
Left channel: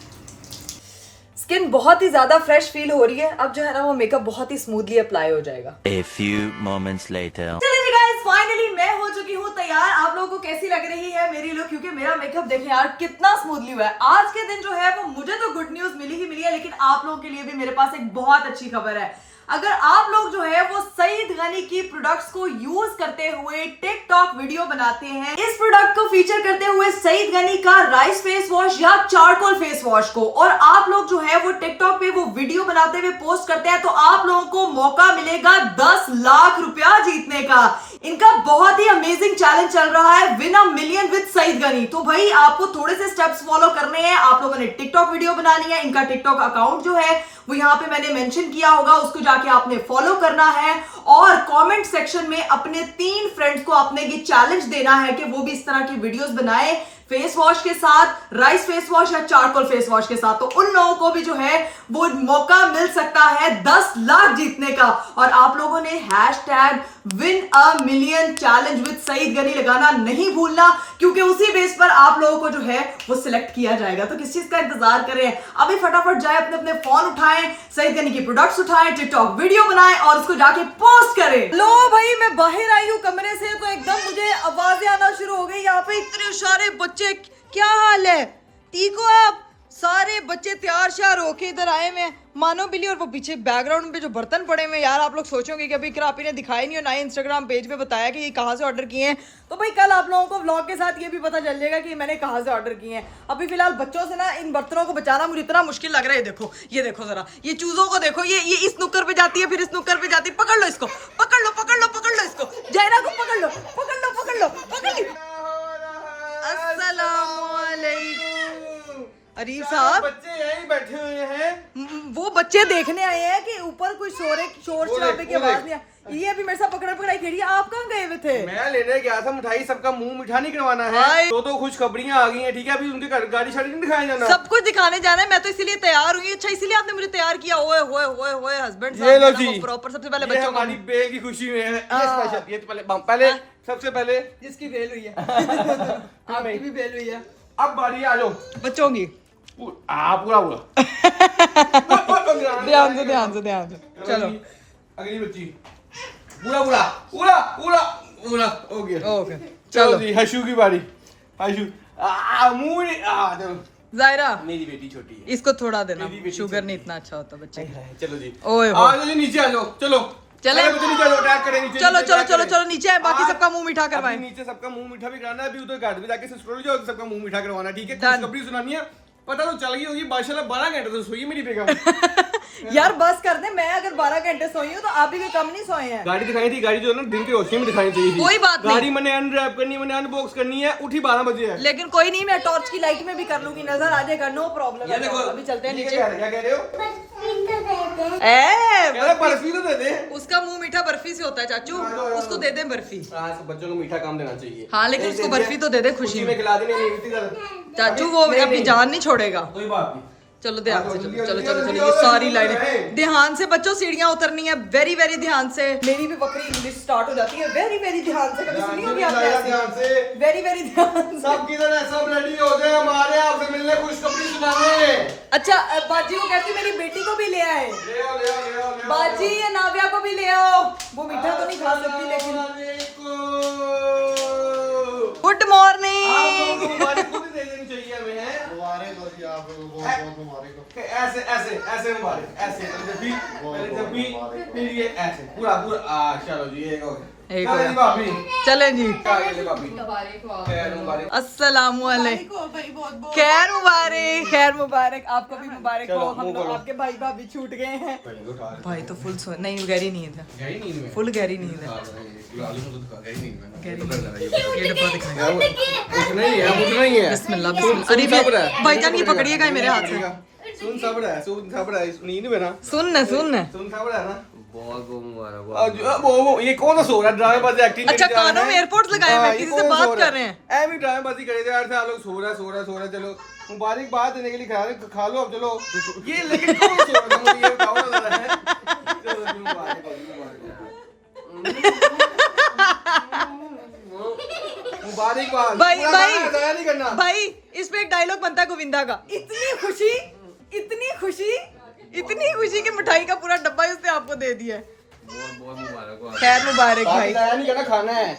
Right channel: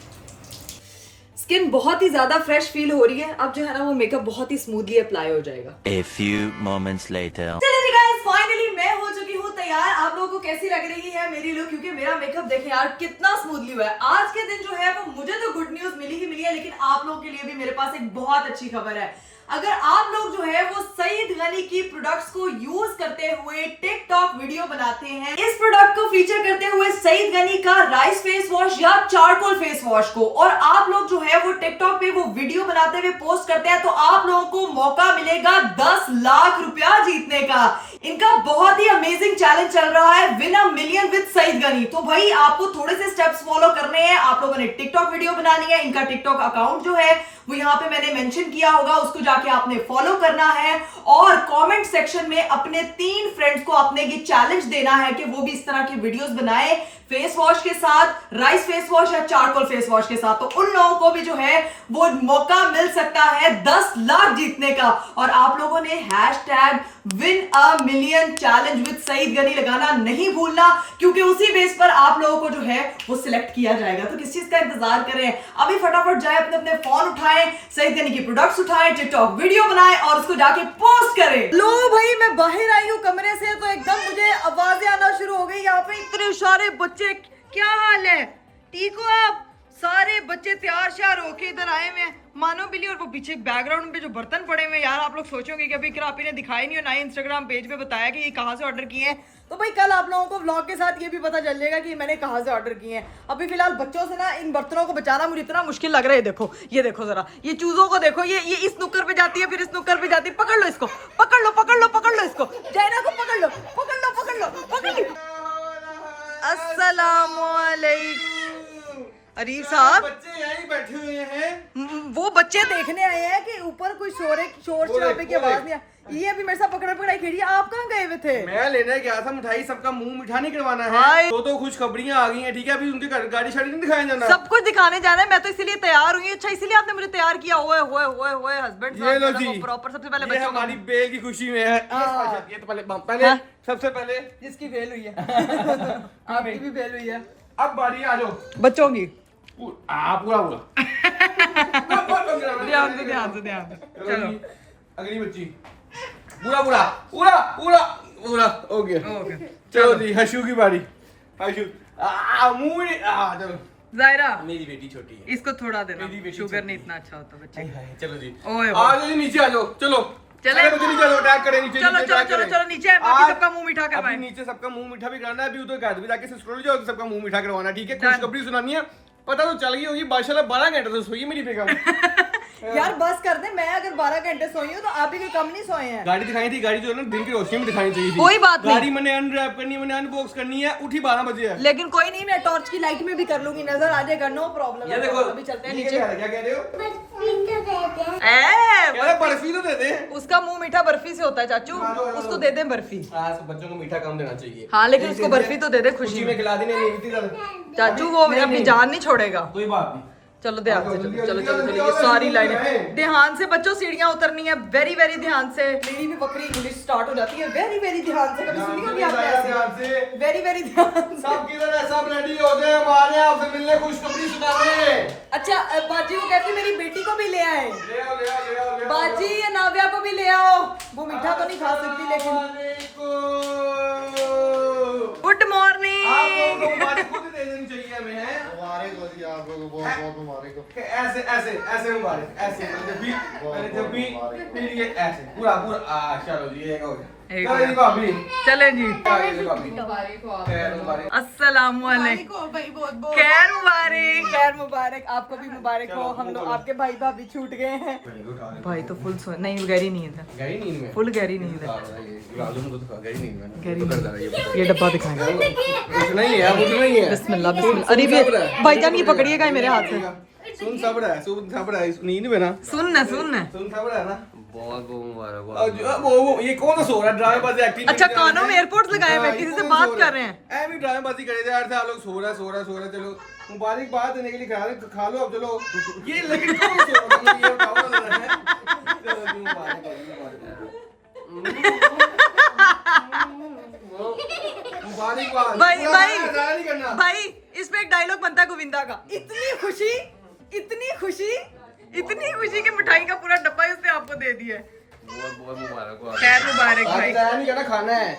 स्किन बहुत ही ज्यादा फ्रेश फील हो रही है, अब जो है ना वो मेकअप बहुत ही स्मूथली अप्लाई हो जाएगा। A few moments later. चलिए जी गाइस, फाइनली मैं हो चुकी हूँ तैयार। आप लोगों को कैसी लग रही है मेरी लुक? क्योंकि मेरा मेकअप देखें यार कितना स्मूथली हुआ है। आज के दिन जो है वो मुझे तो गुड न्यूज मिली ही मिली है, लेकिन आप लोगों के लिए भी मेरे पास एक बहुत अच्छी खबर है। अगर आप लोग जो है वो सईद गनी की प्रोडक्ट्स को यूज करते हुए टिकटॉक वीडियो बनाते हैं, इस प्रोडक्ट को फीचर करते हुए सईद गनी का राइस फेस वॉश या चारकोल फेस वॉश को, और आप लोग जो है वो टिकटॉक पे वो वीडियो बनाते हुए पोस्ट करते हैं, तो आप लोगों को मौका मिलेगा 10 लाख रुपया जीतने का। इनका बहुत ही अमेजिंग चैलेंज चल रहा है, win a million with Saeed Ghani. तो भाई आपको थोड़े से स्टेप्स फॉलो करने हैं। आप लोगों ने टिकटॉक वीडियो बनानी है। इनका टिकटॉक अकाउंट जो है वो यहाँ पे मैंने मेंशन किया होगा, उसको जाके आपने फॉलो करना है, और कमेंट सेक्शन में अपने 3 फ्रेंड्स को आपने ये चैलेंज देना है कि वो भी इस तरह की वीडियोस बनाए फेस वॉश के साथ, राइस फेस वॉश या चारकोल फेस वॉश के साथ। तो उन लोगों को भी जो है वो मौका मिल सकता है 10 लाख जीतने का। और आप लोगों ने hashtag win a million challenge with Saeed Ghani लगाना नहीं भूलना, क्योंकि उसी बेस पर आप लोगों को जो है वो सिलेक्ट किया जाएगा। तो किस चीज का इंतजार करें? अभी फटाफट जाए, अपने अपने फोन उठाएं, सईद गनी की प्रोडक्ट्स उठाएं, टिकटॉक वीडियो बनाएं और उसको जाके पोस्ट करें। लो भाई, मैं बाहर आई हूँ कमरे से तो एकदम मुझे आवाजें आना शुरू हो गई। यहाँ पे इतने सारे बच्चे, क्या हाल है? ठीक हो आप? सारे बच्चे तैयार श्यार होके इधर आए हुए हैं, मानो बिल्ली। और वो पीछे बैकग्राउंड पे जो बर्तन पड़े हुए हैं यार, आप लोग सोचोगे कि अभी इकरापी ने दिखाई नहीं और ना ही इंस्टाग्राम पेज पे बताया कि ये कहाँ से ऑर्डर किए हैं। तो भाई कल आप लोगों को व्लॉग के साथ ये भी पता चल जाएगा कि मैंने कहाँ से ऑर्डर किए हैं। अभी फिलहाल बच्चों से ना इन बर्तनों को बचाना मुझे इतना मुश्किल लग रहा है। ये देखो जरा, ये चूजों को देखो, ये इस नुक्कर पे जाती है, फिर इस नुक्कर पे जाती है। पकड़ लो इसको, पकड़ लो इसको, जैना को पकड़ लो। अस्सलामुअलैकुम। अरीफ साहब, बच्चे यहीं बैठे हुए हैं। वो बच्चे देखने आए हैं कि ऊपर कोई शोर शराबे की आवाज नहीं आ। ये अभी मेरे साथ पकड़ाई खेली। आप कहाँ गए हुए थे? मैं लेने गया था मिठाई, सबका मुंह मीठा नहीं करवाना है। तो खुशखबरियां आ गई हैं, ठीक है? अभी उनके गाड़ी शाड़ी नहीं दिखाया जाना, सब कुछ दिखाने जाना है। मैं तो इसीलिए तैयार हुई। अच्छा, इसीलिए आपने मुझे तैयार किया। ओए हस्बैंड साहब, प्रॉपर सबसे पहले बच्चों हमारी बेल की खुशी में है। ये तो पहले सबसे पहले जिसकी बेल हुई है आपकी भी बेल हुई है। अब बारी आ जाओ बच्चों की। पूरा ध्यान से चलो। अगली बच्ची पूरा ओके चलो जी, हशू की बारी। हशू चलो। जायरा, मेरी बेटी छोटी है, इसको थोड़ा देना, शुगर नहीं इतना अच्छा होता बच्चे। चलो जी, ओए आ जाओ नीचे, आ जाओ। चले मुझे नीचे अटैक करें नीचे चलो नीचे चलो attack चलो करें। चलो नीचे है, बाकी आज- सबका मुंह मीठा अभी करवाएं। नीचे सबका मुंह मीठा भी कराना है, अभी उधर घर में जाके सिस्टर जो सबका मुंह मीठा करवाना है, ठीक है? खुशखबरी सुनानी है। पता तो चल गई होगी माशाल्लाह 12 घंटे तो सोई है मेरी बेगम। यार बस कर दे, मैं अगर 12 घंटे सोई हूँ तो आप भी कोई कम नहीं सोए हैं। गाड़ी दिखाई थी, गाड़ी जो है ना दिन की रोशनी में दिखानी चाहिए थी। कोई बात नहीं। गाड़ी मैंने अनरैप करनी है, मैंने अनबॉक्स करनी है, उठी 12 बजे है। लेकिन कोई नहीं, मैं टॉर्च की लाइट में भी कर लूंगी, नजर आ जाएगा, नो प्रॉब्लम। ये देखो अभी चलते हैं ठीक है, नीचे। क्या कह रहे हो? कह रहे बर्फी तो दे दे। उसका मुंह मीठा बर्फी से होता है चाचू, उसको दे दे बर्फी। आज बच्चों को मीठा कम देना चाहिए। हाँ लेकिन उसको बर्फी तो दे दे खुशी खुशी में। में खिला देने नहीं मिलती सर। चाचू वो अपनी जान नहीं छोड़ेगा। कोई बात नहीं। चलो ध्यान से, चलो चलो चलो चलो, ये जल्दी, सारी जल्दी, लाइनें जल्दी। ध्यान से बच्चों, सीढ़ियां उतरनी है, वेरी वेरी ध्यान से। मेरी भी बकरी इंग्लिश स्टार्ट हो जाती है, वेरी वेरी ध्यान से। कभी सुनी होगी आपने ध्यान ऐसे? से। वेरी वेरी ध्यान से। सब किधर है? सब रेडी हो गए हमारे आपसे मिलने, खुशखबरी सुनाने। अच्छा बाजी वो कहती मेरी बेटी को भी ले आए। ले आओ, ले आओ, ले आओ, ले आओ। बाजी या नाव्या को भी ले आओ, वो मीठा तो नहीं खा सकती लेकिन। Good morning. आप लोगों को मुबारक खुद दे देनी चाहिए हमें, हैं? आप लोगों को बहुत बहुत मुबारक हो। ऐसे ऐसे ऐसे मुबारक, ऐसे जब भी फिर ये ऐसे पूरा पूरा चलो जी एक हो गया। एक हो चलो गया। जी भाभी, चले जी, आगे ले भाभी। खैर मुबारक। अस्सलाम वालेकुम। खैर मुबारक, खैर मुबारक, आपको भी मुबारक हो। हम लोग आपके भाई भाभी छूट गए हैं। भाई तो फुल सो नहीं, गहरी नींद है, गहरी नींद में। फुल गहरी नींद है। गहरी नींद में। गहरी ये डब्बा दिखाएं। उठना ही है, उठना ही है। बिस्मिल्लाह बिस्मिल्लाह। अरे भी भाईजान ये पकड़िएगा मेरे हाथ से। सुन सब रहा है, सुन सब रहा है, नींद में ना। सुन न सुन न। सुन सब रहा है ना। बहुत बहुत मुबारक। वो ये कौन सा सो रहा है? ड्रामेबाजी एक्टिंग। अच्छा कानों में एयरपोर्ट्स लगाए हुए, किसी से बात कर रहे हैं। एमी ड्रामेबाजी करे जा रहे थे आप लोग। सो रहा सो रहा चलो मुबारक बात देने के लिए खा लो अब चलो। ये लेकिन कौन सो रहा है? मुझे ये बताओ ना जरा, है? चलो जी मुबारक हो, मुबारक भाई भाई नहीं करना भाई, इस पे एक डायलॉग बनता है गोविंदा का, इतनी खुशी इतनी खुशी इतनी खुशी कि मिठाई का पूरा डब्बा ही उसने आपको दे दिया है। बहुत बहुत मुबारक हो। खैर मुबारक भाई। जाया नहीं करना, खाना है।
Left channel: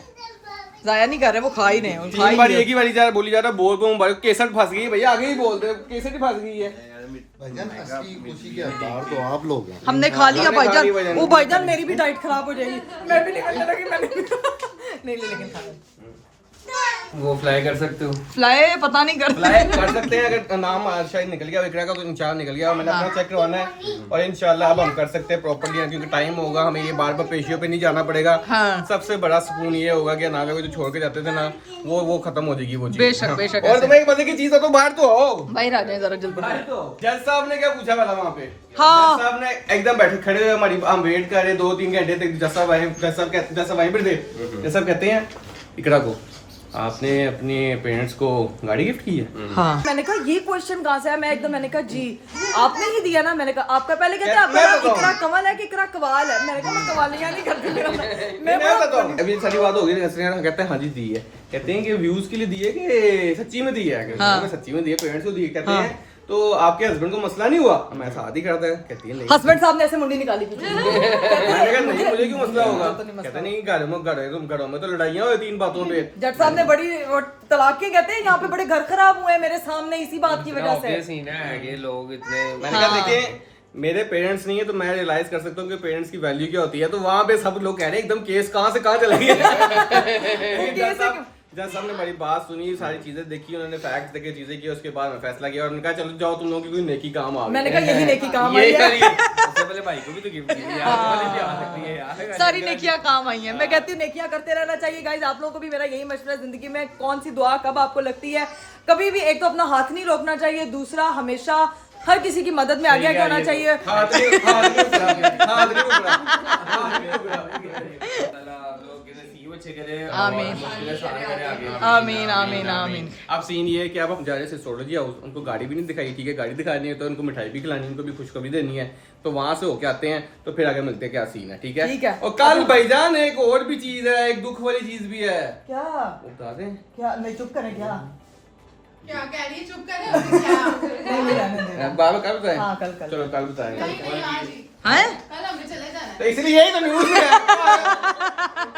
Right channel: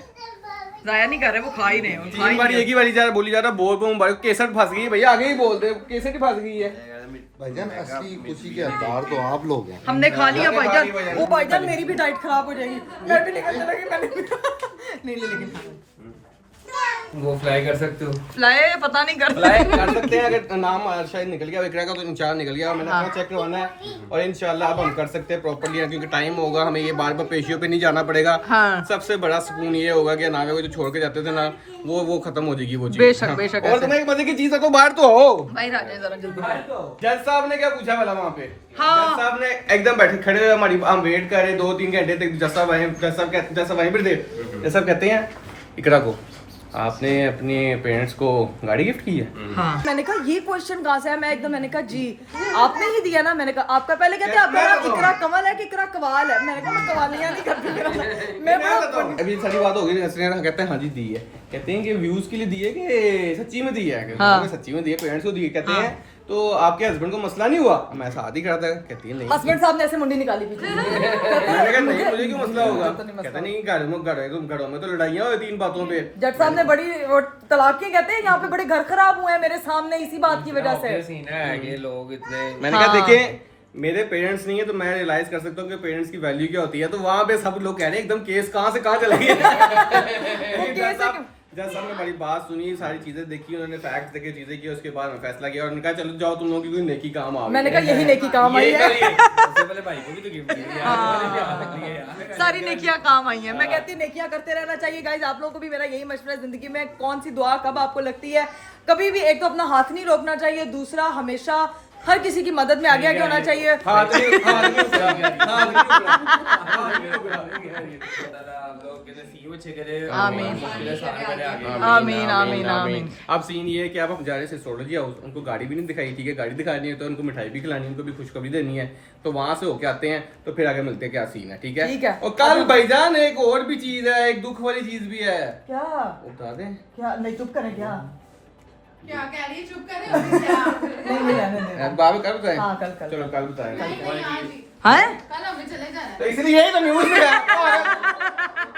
जाया नहीं कर रहे, वो खा ही रहे हैं, खा ही बार रहे एक ही बारी जा बोली जा रहा बहुत बहुत मुबारक। केसर फंस गई है भैया, आगे ही बोलते केसर ही फंस गई है। भाईजान असली खुशी के हकदार तो आप लोग हैं। हमने खा लिया हमने खा भाईजान। ली भाईजान। वो भाईजान मेरी भी डाइट खराब हो जाएगी, मैं भी निकलने लगी, मैंने भी नहीं लेकिन खा वो फ्लाई कर सकते हो। फ्लाई पता नहीं कर फ्लाई कर सकते हैं अगर नाम शायद निकल गया विक्रा का, तो इंचार्ज निकल गया और मैंने अपना चेक करवाना है और इंशाल्लाह अब हम कर सकते हैं प्रॉपर्ली, क्योंकि टाइम होगा, हमें ये बार बार पेशियों पे नहीं जाना पड़ेगा। हाँ। सबसे बड़ा सुकून ये होगा कि नावे को जो छोड़ के जाते थे ना, वो खत्म हो जाएगी वो चीज। बेशक, बेशक और ऐसे। तुम्हें एक मजे की चीज है तो बाहर तो हो। भाई राजा जरा जल्दी। जज साहब ने क्या पूछा वाला वहाँ पे? हाँ। जज साहब ने एकदम बैठे खड़े हुए हमारी, हम वेट कर रहे 2-3 घंटे तक। जज साहब आए, जज साहब वहीं पर थे। जज साहब कहते हैं इकरा को आपने अपने पेरेंट्स को गाड़ी गिफ्ट की है? हाँ। मैंने कहा ये क्वेश्चन कहाँ से है? मैं एकदम मैंने कहा जी आपने ही दिया ना। मैंने कहा आपका पहले कहते हैं आपका नाम इकरा कमल है कि इकरा कवाल है? मैंने कहा मैं कवालियाँ नहीं करती, मेरा नाम मैं बड़ा अभी सारी बात हो गई। कहते हैं हाँ जी दी है, कहते हैं कि व्यूज के लिए दी है कि सच्ची में दी है? हाँ। सच्ची में दी है, पेरेंट्स को दी है। कहते हैं तो आपके हस्बैंड को मसला नहीं हुआ? मैं साथ ही करता है। कहती है नहीं। हस्बैंड साहब ने ऐसे मुंडी निकाली पीछे। मैंने कहा नहीं, मुझे क्यों मसला होगा? कहते नहीं, घरों में तो लड़ाइयाँ हुई 3 बातों पे। जज साहब ने बड़ी वो तलाक के कहते हैं यहाँ पे बड़े घर खराब हुए हैं मेरे सामने इसी बात की वजह से। लोग इतने मैंने कहा देखें मेरे पेरेंट्स नहीं है तो मैं रियलाइज कर सकता हूँ कि पेरेंट्स की वैल्यू क्या होती है। तो वहाँ पे सब लोग कह रहे हैं एकदम केस कहाँ से कहाँ चला गया। जज साहब ने बड़ी बात सुनी, सारी चीजें देखी, उन्होंने फैक्ट्स देखे, चीजें की, उसके बाद मैं फैसला किया और उन्होंने कहा चलो जाओ तुम लोगों की कोई नेकी काम आ गई। मैंने कहा यही नेकी काम आई है। सबसे पहले भाई को भी तो गिफ्ट दिया यार। सारी नेकियां काम आई हैं। मैं कहती हूँ नेकियां करते रहना चाहिए गाइस। आप लोगों को भी मेरा यही मशवरा है, जिंदगी में कौन सी दुआ कब आपको लगती है। कभी भी एक तो अपना हाथ नहीं रोकना चाहिए, दूसरा हमेशा हर किसी की मदद में आगे आगे होना चाहिए। आमीन आमीन आमीन। अब सीन ये है कि अब हम जा रहे हैं एस्ट्रोलॉजी हाउस, उनको गाड़ी भी नहीं दिखाई, ठीक है, गाड़ी दिखानी है तो उनको मिठाई भी खिलानी है, उनको भी खुशखबरी देनी है, तो वहां से होके आते हैं तो फिर आगे मिलते हैं क्या सीन है। ठीक है, ठीक है। और कल भाईजान एक और भी चीज है, एक दुख वाली चीज भी है, क्या वो बता दें? क्या नहीं चुप करें क्या? क्या कह रही है? चुप करे क्या? नहीं रहने दे। बाबा कल बताएं? हाँ, कल। चलो कल बताएंगे। हैं? कल हमें चले जाना है। तो इसलिए यही तो न्यूज़ है।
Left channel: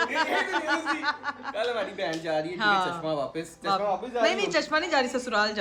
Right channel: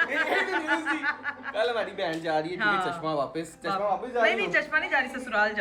यही तो न्यूज़ थी। कल हमारी बहन जा रही है, ठीक है, चश्मा वापस जा रही है। नहीं चश्मा नहीं जा रही, ससुराल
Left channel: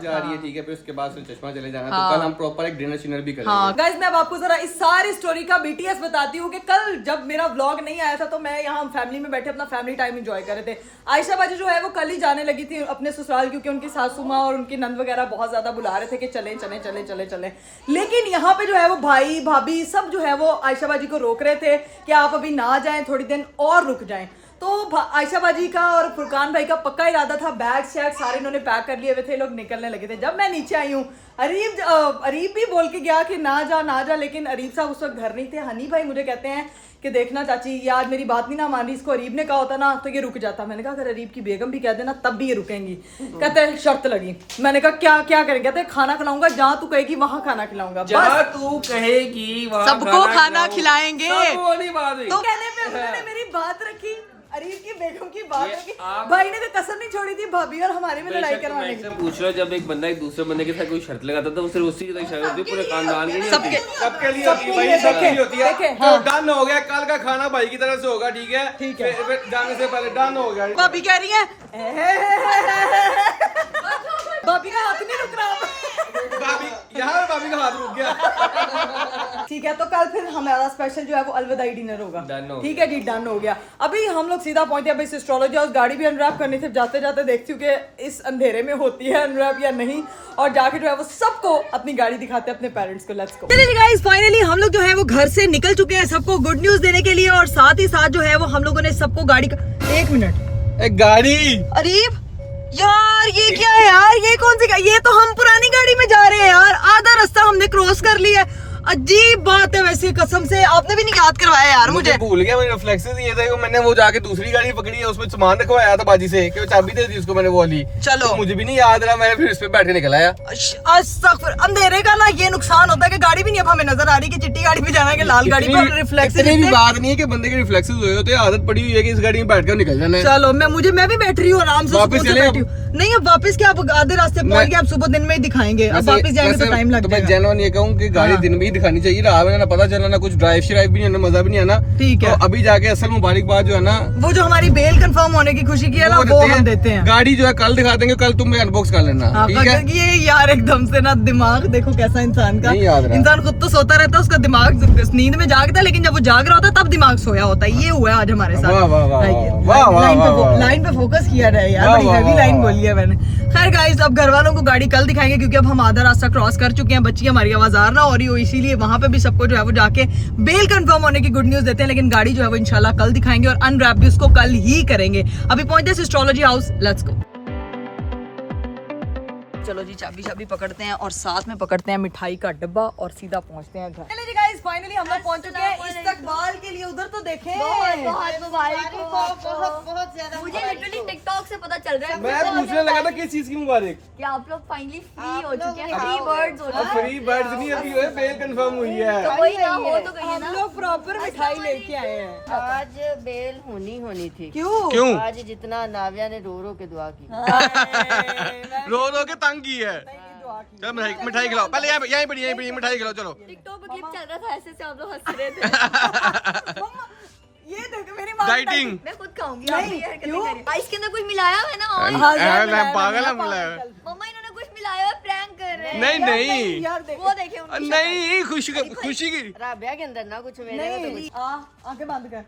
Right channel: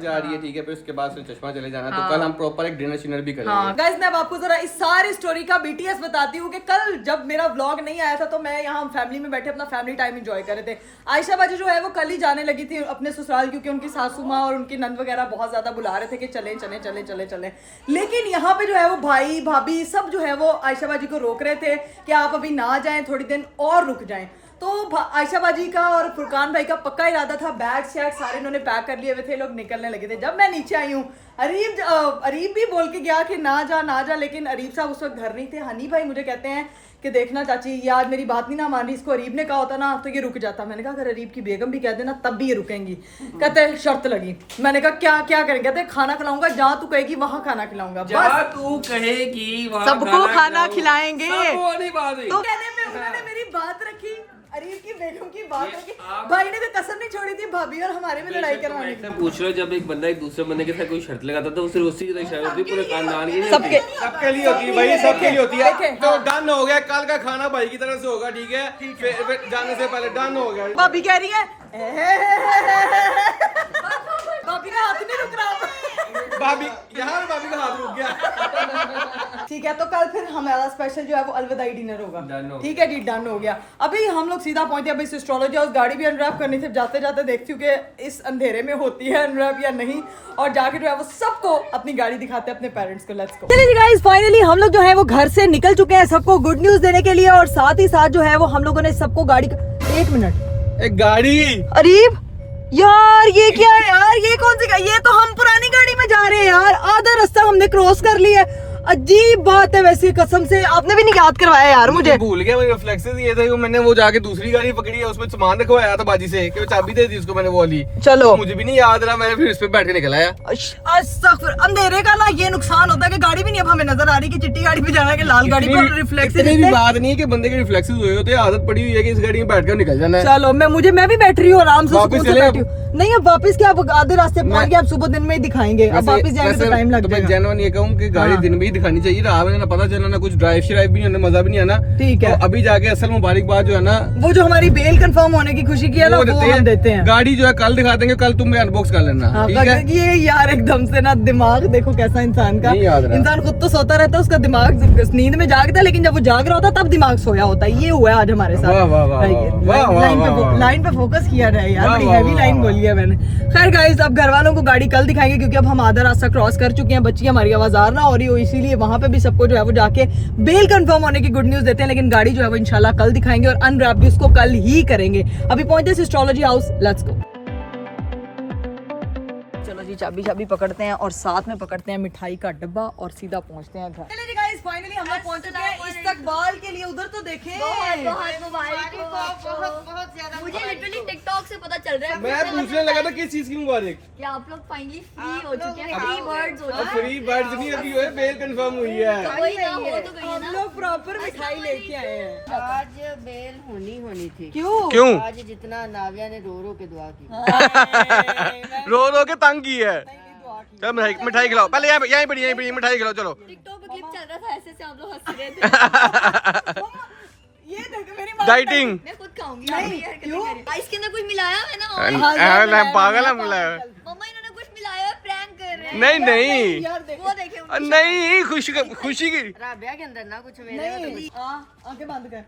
जा रही है, ठीक है, फिर उसके बाद फिर चश्मा चले जाना। तो कल हम प्रॉपर एक डिनर शिनर भी करेंगे। गाइस मैं अब आपको जरा इस सारी स्टोरी का BTS बताती हूँ कि कल जब मेरा व्लॉग नहीं आया था तो मैं यहाँ फैमिली में बैठे अपना फैमिली टाइम एंजॉय कर रहे थे। आयशा बाजी जो है वो कल ही जाने लगी थी अपने ससुराल, क्योंकि उनकी सासू माँ और उनकी नंद वगैरह बहुत ज्यादा बुला रहे थे कि चले चले चले चले चले। लेकिन यहाँ पे जो है वो भाई भाभी सब जो है वो आयशा बाजी को रोक रहे थे कि आप अभी ना जाएं, थोड़ी दिन और रुक जाएं। तो आयशा बाजी का और फुरकान भाई का पक्का इरादा था, बैग शैग सारे इन्होंने पैक कर लिए हुए थे, लोग निकलने लगे थे। जब मैं नीचे आई हूँ, अरीब भी बोल के गया कि ना जा, लेकिन अरीब साहब उस वक्त घर नहीं थे। हनी भाई मुझे कहते हैं कि देखना चाची, ये आज मेरी बात नहीं ना मान रही, इसको अरीब ने कहा होता ना तो ये रुक जाता। मैंने कहा अगर अरीब की बेगम भी कह देना तब भी ये रुकेंगी। कहते शर्त लगी। मैंने कहा क्या करेंगे? कहते खाना खिलाऊंगा, जहाँ तू कहेगी वहाँ खाना खिलाऊंगा, बस तू कहेगी सबको खाना खिलाएंगे। तो तो कहने पे उन्होंने मेरी बात रखी, अरीब की बेगम की बात रखी। भाई ने तो कसम नहीं छोड़ी थी भाभी और हमारे में लड़ाई करवाने की। पूछ लो, जब एक बंदा एक दूसरे बंदे के साथ कोई शर्त लगाता था, तो सिर्फ उसी की तो शर्त होती है, पूरे खानदान की नहीं होती। सबके लिए होती है। तो डन हो गया, कल का खाना भाई की तरफ से होगा, ठीक है? फिर जाने से पहले डन हो गया। भाभी कह रही है भाभी का हाथ नहीं रुक रहा। भाभी का हाथ रुक गया। ठीक है, तो कल फिर हमारा स्पेशल जो है वो अलविदाई डिनर होगा। ठीक है जी, डन हो गया। अभी हम लोग सीधा पहुंचे अब इस एस्ट्रोलॉजी हाउस। गाड़ी भी अनरैप करनी थी, जाते जाते देखती हूँ कि इस अंधेरे में होती है अनरैप या नहीं, और जाके जो है वो सबको अपनी गाड़ी दिखाते हैं अपने पेरेंट्स को। Let's go. चलिए गाइस, फाइनली हम लोग जो है वो घर से निकल चुके हैं सबको गुड न्यूज देने के लिए, और साथ ही साथ जो है वो हम लोगों ने सबको गाड़ी का... एक मिनट, एक गाड़ी। अरीब यार ये क्या है यार, ये कौन सी गाड़ी? ये तो हम पुरानी गाड़ी में जा रहे हैं यार, आधा रास्ता हमने क्रॉस कर लिया है। अजीब बात है वैसे, कसम से आपने भी नहीं याद करवाया यार मुझे। भूल गया, मुझे रिफ्लेक्सेस ये थे कि मैंने वो जाके दूसरी गाड़ी पकड़ी है, उसमें सामान रखवाया था बाजी से कि वो चाबी दे दी उसको मैंने वो वाली। चलो तो मुझे भी नहीं याद रहा, मैंने फिर इस पे बैठ के निकल आया। अंधेरे का ना ये नुकसान होता है कि गाड़ी भी नहीं अब हमें नजर आ रही कि चिट्टी गाड़ी पे जाना है कि लाल गाड़ी पे। रिफ्लेक्सेस इतनी भी बात नहीं है कि बंदे के रिफ्लेक्सेस हुए होते हैं, आदत पड़ी हुई है कि इस गाड़ी में बैठ कर निकल जाना है। चलो मैं भी बैठ रही हूँ आराम से, वापस चले अब। नहीं अब वापस क्या, अब आधे रास्ते पहुंच गए, अब सुबह दिन में ही दिखाएंगे, अब वापस जाएंगे तो टाइम लग जाएगा। जेन्युइन ये कहूँ कि गाड़ी दिन में ही दिखानी चाहिए, रात में ना पता चला, ना कुछ ड्राइव श्राइव भी नहीं होना, मजा भी नहीं आना। ठीक है, तो अभी जाके असल मुबारकबाद जो है ना, वो जो हमारी बेल कंफर्म होने की खुशी की है ना, वो हम देते हैं। गाड़ी जो है कल दिखा देंगे, कल तुम अनबॉक्स कर लेना, ठीक है? ये यार एकदम से ना दिमाग देखो कैसा इंसान का, इंसान खुद तो सोता रहता है, उसका दिमाग नींद में जागता है, लेकिन जब वो जाग रहा होता है तब दिमाग सोया होता है। ये हुआ है आज हमारे साथ। लाइन पे फोकस किया जाए यार, बड़ी हैवी लाइन बोली है मैंने। खैर गाइस, अब घर वालों को गाड़ी कल दिखाएंगे, क्योंकि अब हम आधा रास्ता क्रॉस कर चुके हैं। बच्ची हमारी आवाज़ ना हो रही हो, इसीलिए वहां पे भी सबको जो है वो जाके बेल कंफर्म होने की गुड न्यूज देते हैं, लेकिन गाड़ी जो है वो इंशाल्लाह कल दिखाएंगे और अनरैप भी उसको कल ही करेंगे। अभी पहुंचते हैं एस्ट्रोलॉजी हाउस, लेट्स गो। चलो जी, चाबी पकड़ते हैं और साथ में पकड़ते हैं मिठाई का डब्बा और सीधा पहुंचते हैं घर। चलो जी गाइस, फाइनली हम लोग पहुंच चुके हैं इस्तकबाल के लिए। उधर तो देखें, मुझे लिटरली टिकटॉक से पता चल रहा है। मैं पूछने लगा था किस चीज की मुबारक, कि आप लोग फाइनली फ्री हो चुके हैं, फ्री बर्ड्स हो चुके हैं। फ्री बर्ड्स नहीं अभी हुए, बेल कंफर्म हुई है। तो वही ना हो तो गई ना। हम लोग प्रॉपर मिठाई लेके आए हैं। आज बेल होनी थी। क्यों? आज जितना नाविया ने रो रो के दुआ की, रो रो के तंग की है। चलो मिठाई खिलाओ, पहले यहीं पड़ी मिठाई खिलाओ। चलो टिकटॉक पे क्लिप चल रहा था, ऐसे से आप लोग हंस रहे थे। ये देखो मेरी माँ डाइटिंग मैं खुद खाऊंगी। इसके अंदर कुछ मिलाया है ना? पागल है मिलाया, मम्मा इन्होंने कुछ मिलाया है, प्रैंक कर रहे हैं। नहीं यार देखो, वो देखे उनकी नहीं, खुशी की। राबिया के अंदर ना कुछ नहीं, आंखें बंद कर।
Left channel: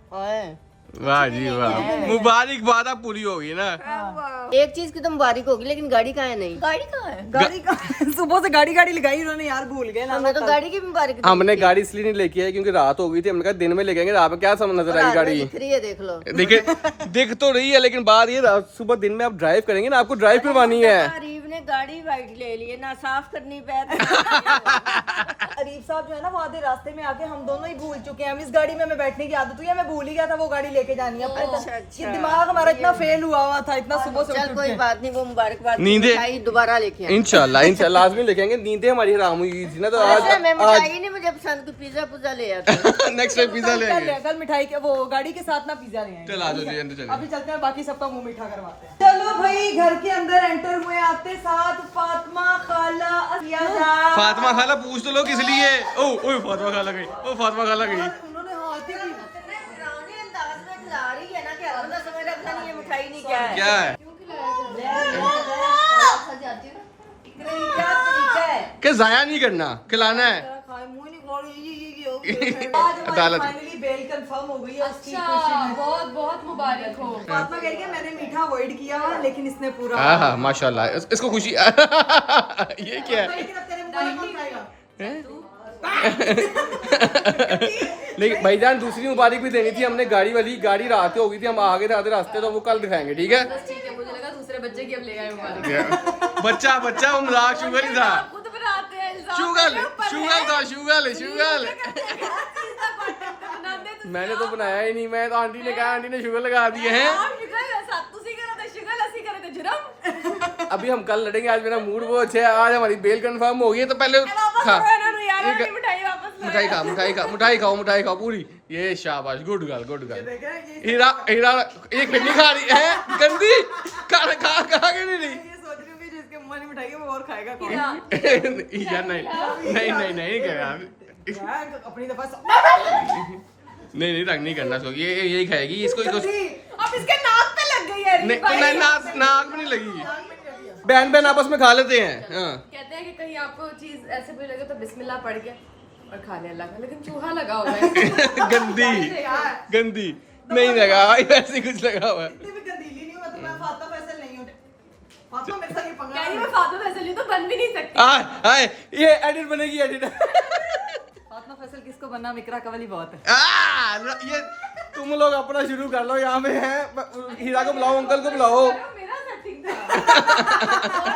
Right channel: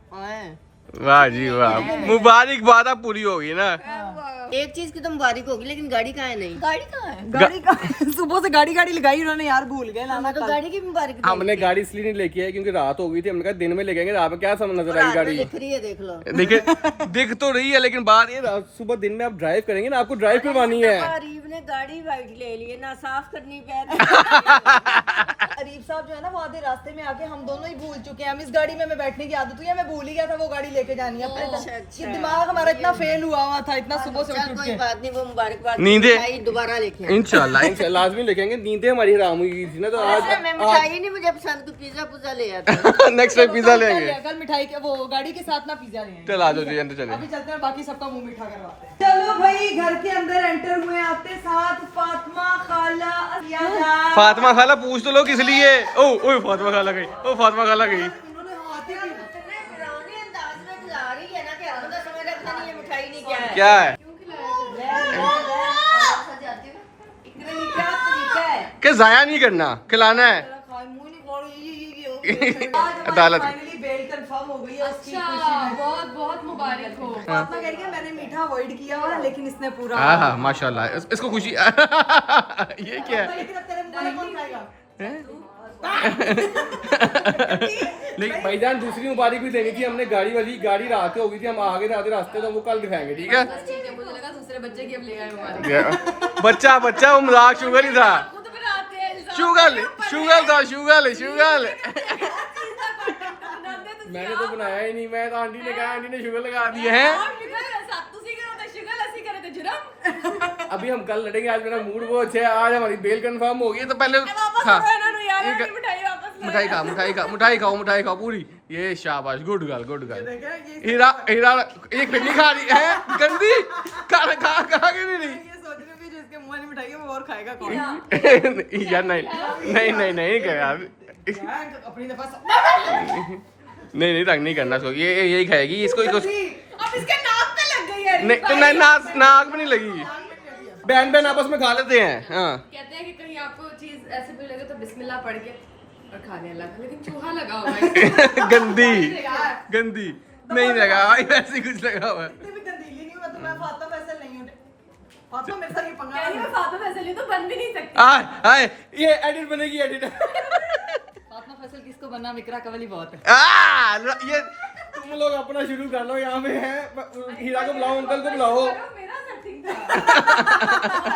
वाह जी वाह, मुबारकबाद आप पूरी होगी ना। एक चीज की तो मुबारक होगी, लेकिन गाड़ी कहाँ है? नहीं, गाड़ी कहाँ है? गाड़ी का सुबह से गाड़ी लगाई उन्होंने यार, भूल गए ना। तो गाड़ी की मुबारक हमने गाड़ी इसलिए नहीं लेके आई क्योंकि रात हो गई थी, हमने कहा दिन में लेके आएंगे, रात में क्या समझ नजर आएगी गाड़ी। दिख रही है, देख लो। देखिए दिख तो रही है, लेकिन बात ये सुबह दिन में आप ड्राइव करेंगे ना, आपको ड्राइव करवानी है। अरीब ने गाड़ी वाइट ले ली है ना, साफ करनी पैर। अरीब साहब जो है ना, वो आधे रास्ते में आके हम दोनों ही भूल चुके हैं। हम इस गाड़ी में हमें बैठने की आदत हुई है, मैं भूल ही गया था वो गाड़ी लेके जानी है अपने। ये दिमाग हमारा इतना फेल हुआ था, इतना सुबह से उठ कोई के। बात नहीं, वो मुबारकबाद नींदें दोबारा लेके इंशाल्लाह लाजमी लेके नींदें हमारी हराम हुई थी ना, तो आज मिठाई नहीं मुझे पसंद, कोई पिज्जा ले आता। नेक्स्ट टाइम पिज्जा ले आएंगे। कल मिठाई के वो गाड़ी के साथ ना पिज्जा ले आएंगे। चल आ जाओ जी, अंदर चलिए। अभी चलते हैं, बाकी सबका मुंह मीठा करवाते हैं। चलो भाई, घर के अंदर एंटर हुए, आते साथ फातिमा खाला फातिमा खाला पूछ तो लो किस लिए। ओ फातिमा खाला गई, क्या है कि जाया नहीं करना, खिलाना है। अदालत बेल कंफर्म हो गई है उसकी अच्छा, बहुत बहुत मुबारक हो। फातिमा कह रही है मैंने मीठा अवॉइड किया लेकिन इसने पूरा हाँ हाँ माशाल्लाह, इसको खुशी ये क्या है? तेरे मुंह में कौन खाएगा? नहीं भाईजान, दूसरी मुबारक भी देनी थी हमने, गाड़ी वाली गाड़ी रात हो गई थी, हम आगे आधे रास्ते, तो वो कल दिखाएंगे, ठीक है? ठीक है, मुझे लगा दूसरे बच्चे की अब ले गए मुबारक। बच्चा वो मजाक शुगर ही था, खुद बनाते हैं इंसान। शुगर मैंने तो बनाया ही नहीं, मैं तो आंटी ने कहा, आंटी ने शुगर लगा दिए हैं। अभी हम कल लड़ेंगे, आज मेरा मूड बहुत अच्छा है, आज हमारी बेल कंफर्म हो गई है, तो पहले खा मिठाई खाओ पूरी। ये शाबाश, गुड गर्ल। हीरा एक फिर नहीं खा रही है, गंदी खा के नहीं रही। ये सोच रही हूँ कि जिसके मुंह वाली मिठाई है वो और खाएगा कौन? यार नहीं कर यार, अपनी दफा नहीं तंग नहीं करना, सो ये यही खाएगी, इसको अब इसके नाक पे लग गई है। नहीं, तो नाक में नहीं लगी। बहन आपस में खा लेते हैं। हाँ, कहते हैं कि कहीं आपको चीज ऐसे भी लगे तो बिस्मिल्लाह पढ़ के और खा ले अल्लाह का, लेकिन चूहा लगा हुआ है। गंदी नहीं लगा भाई, वैसे कुछ लगा हुआ है। इतनी भी गंदीली नहीं हुआ तो मैं फातिमा फैसल नहीं हूँ। फातिमा मेरे साथ ये पंगा कहीं मैं फातिमा फैसल नहीं तो बन भी नहीं सकती। हाय ये एडिट बनेगी, एडिट। फातिमा फैसल किसको बनना, मिकरा कवली बहुत है। ये तुम लोग अपना शुरू कर लो, यहाँ पे है। हीरा को बुलाओ, अंकल को बुलाओ। मेरा सेटिंग था।